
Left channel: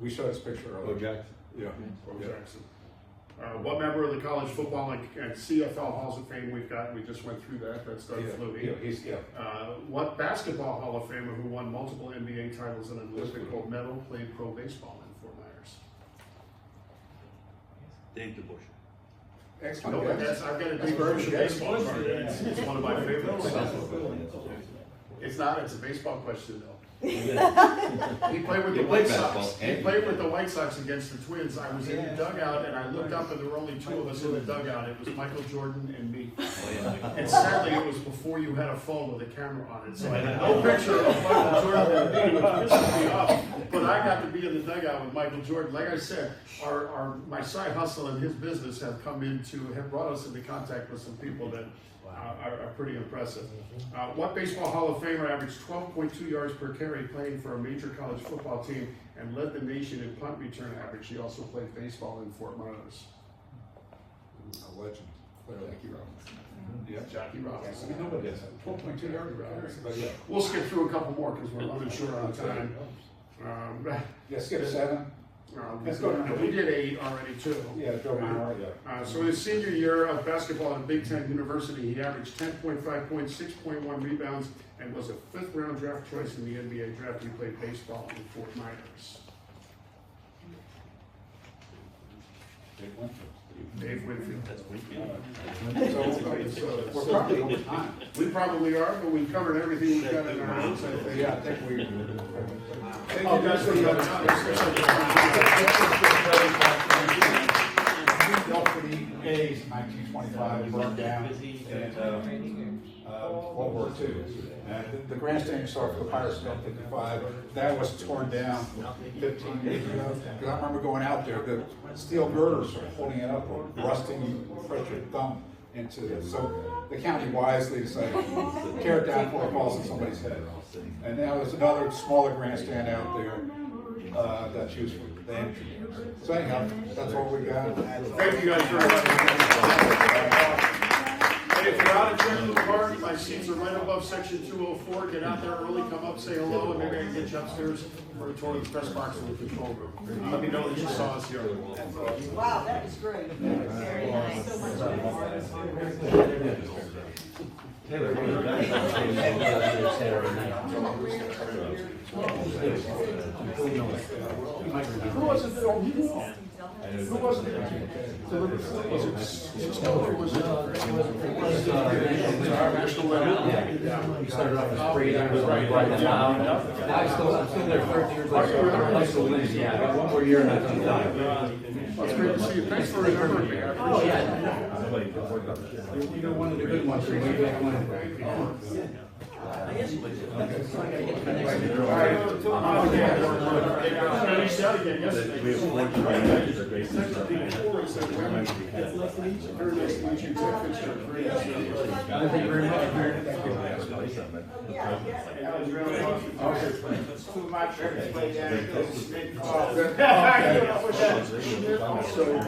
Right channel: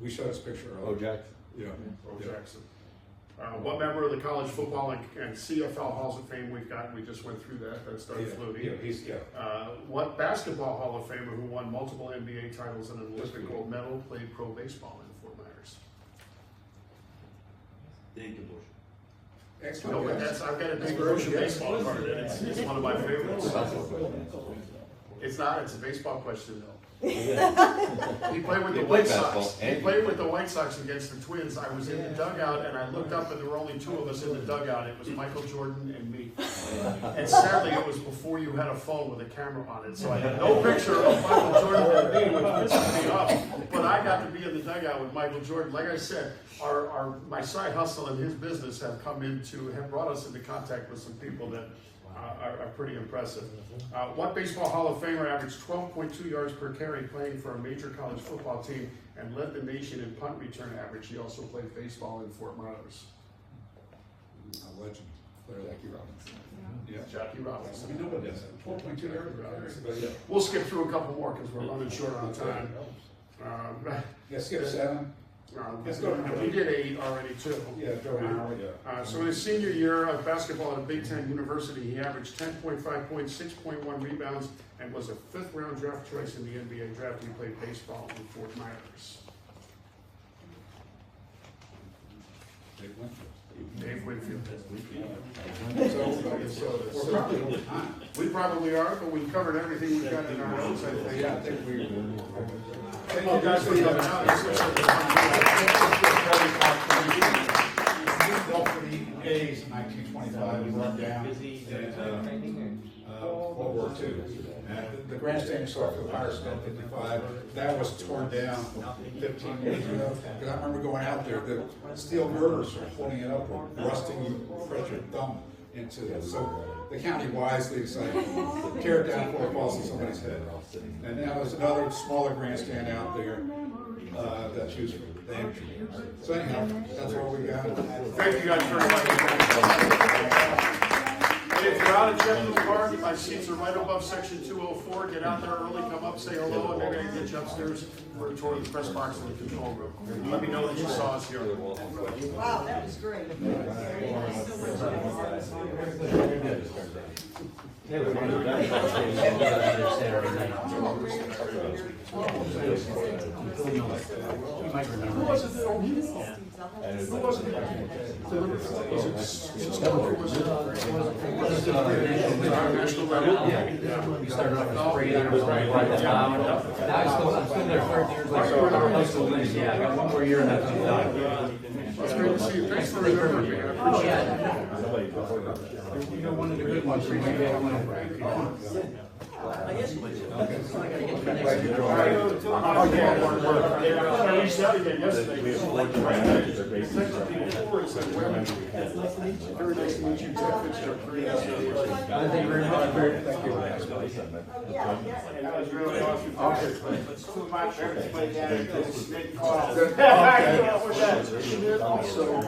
We showed his picture Bo earlier. Jackson? Yeah. Bo Jackson. What member of the college football and CFL Halls of Fame we've got? We just went through that. That's Doug Yeah, Flutie. What basketball Hall of Famer who won multiple NBA titles and an Olympic gold medal played pro baseball in Fort Myers? Dave DeBush. Excellent. No, but that's, I've got a big version baseball card, and it's one of my favorites. It's not, it's a baseball question though. He played with the White Sox. He played with the White Sox against the Twins. I was in the dugout and I looked up and there were only two of us in the dugout. It was Michael Jordan and me. And sadly, it was before you had a phone with a camera on it, so I had no picture of Michael Jordan and me with pictures me up. But I got to be in the dugout with Michael Jordan. Like I said, my side hustle and his business have brought us into contact with some people that are pretty impressive. What baseball Hall of Famer averaged 12.2 yards per carry playing for a major college football team and led the nation in punt return average? He also played baseball in Fort Myers. A legend. Jackie Robinson. Yeah, Jackie Robinson. I know what it is. 12.2 yards. But yeah. We'll skip through a couple more because we're running short on time. Yeah, skip 7. Let's go. We did 8 already too. Yeah, Joe Mauer, yeah. So his senior year of basketball at Big Ten University, he averaged 10.5 points, 6.1 rebounds, and was a 5th round draft choice in the NBA draft. He played baseball in Fort Myers. Dave Winfield. So we're probably over time. We probably are, but we've covered everything we've got in our notes, I think. Yeah, I think we. Thank you guys for coming out. This looks like a fun Built for the A's in 1925, burned down in World War II. And the grandstand you saw for the Pirates in 55, that was torn down 15 years ago. And I remember going out there, the steel girders were holding it up, rusting, you press your thumb into it. So the county wisely decided to tear it down before it falls on somebody's head. And now there's another smaller grandstand out there that's used for the entry. So anyhow, that's all we've got. Thank you guys very much. And if you're out at Jetblue Park, my seats are right above section 204. Get out there early, come up, say hello, and maybe I can get you upstairs for a tour of the press box and the control room. Let me know that you saw us here. Wow, that was great. Thanks so much. Saturday night. Who was it that owned you? Who was it? Was it Cisco or was it National Level? Yeah. We started off as spray there, right now. Now I'm still there 30 years later. I'm still winning. Yeah, I got one more year and that's I'm done. It's great to see you. Thanks for remembering me. I Oh, appreciate it. yeah. You're one of the good ones from way back when. All right. We started it yesterday. Very nice to meet you. Ted Fitzgerald. Very nice to meet you. Thank you very much. That was really awesome. It's too much for everybody down there. Also,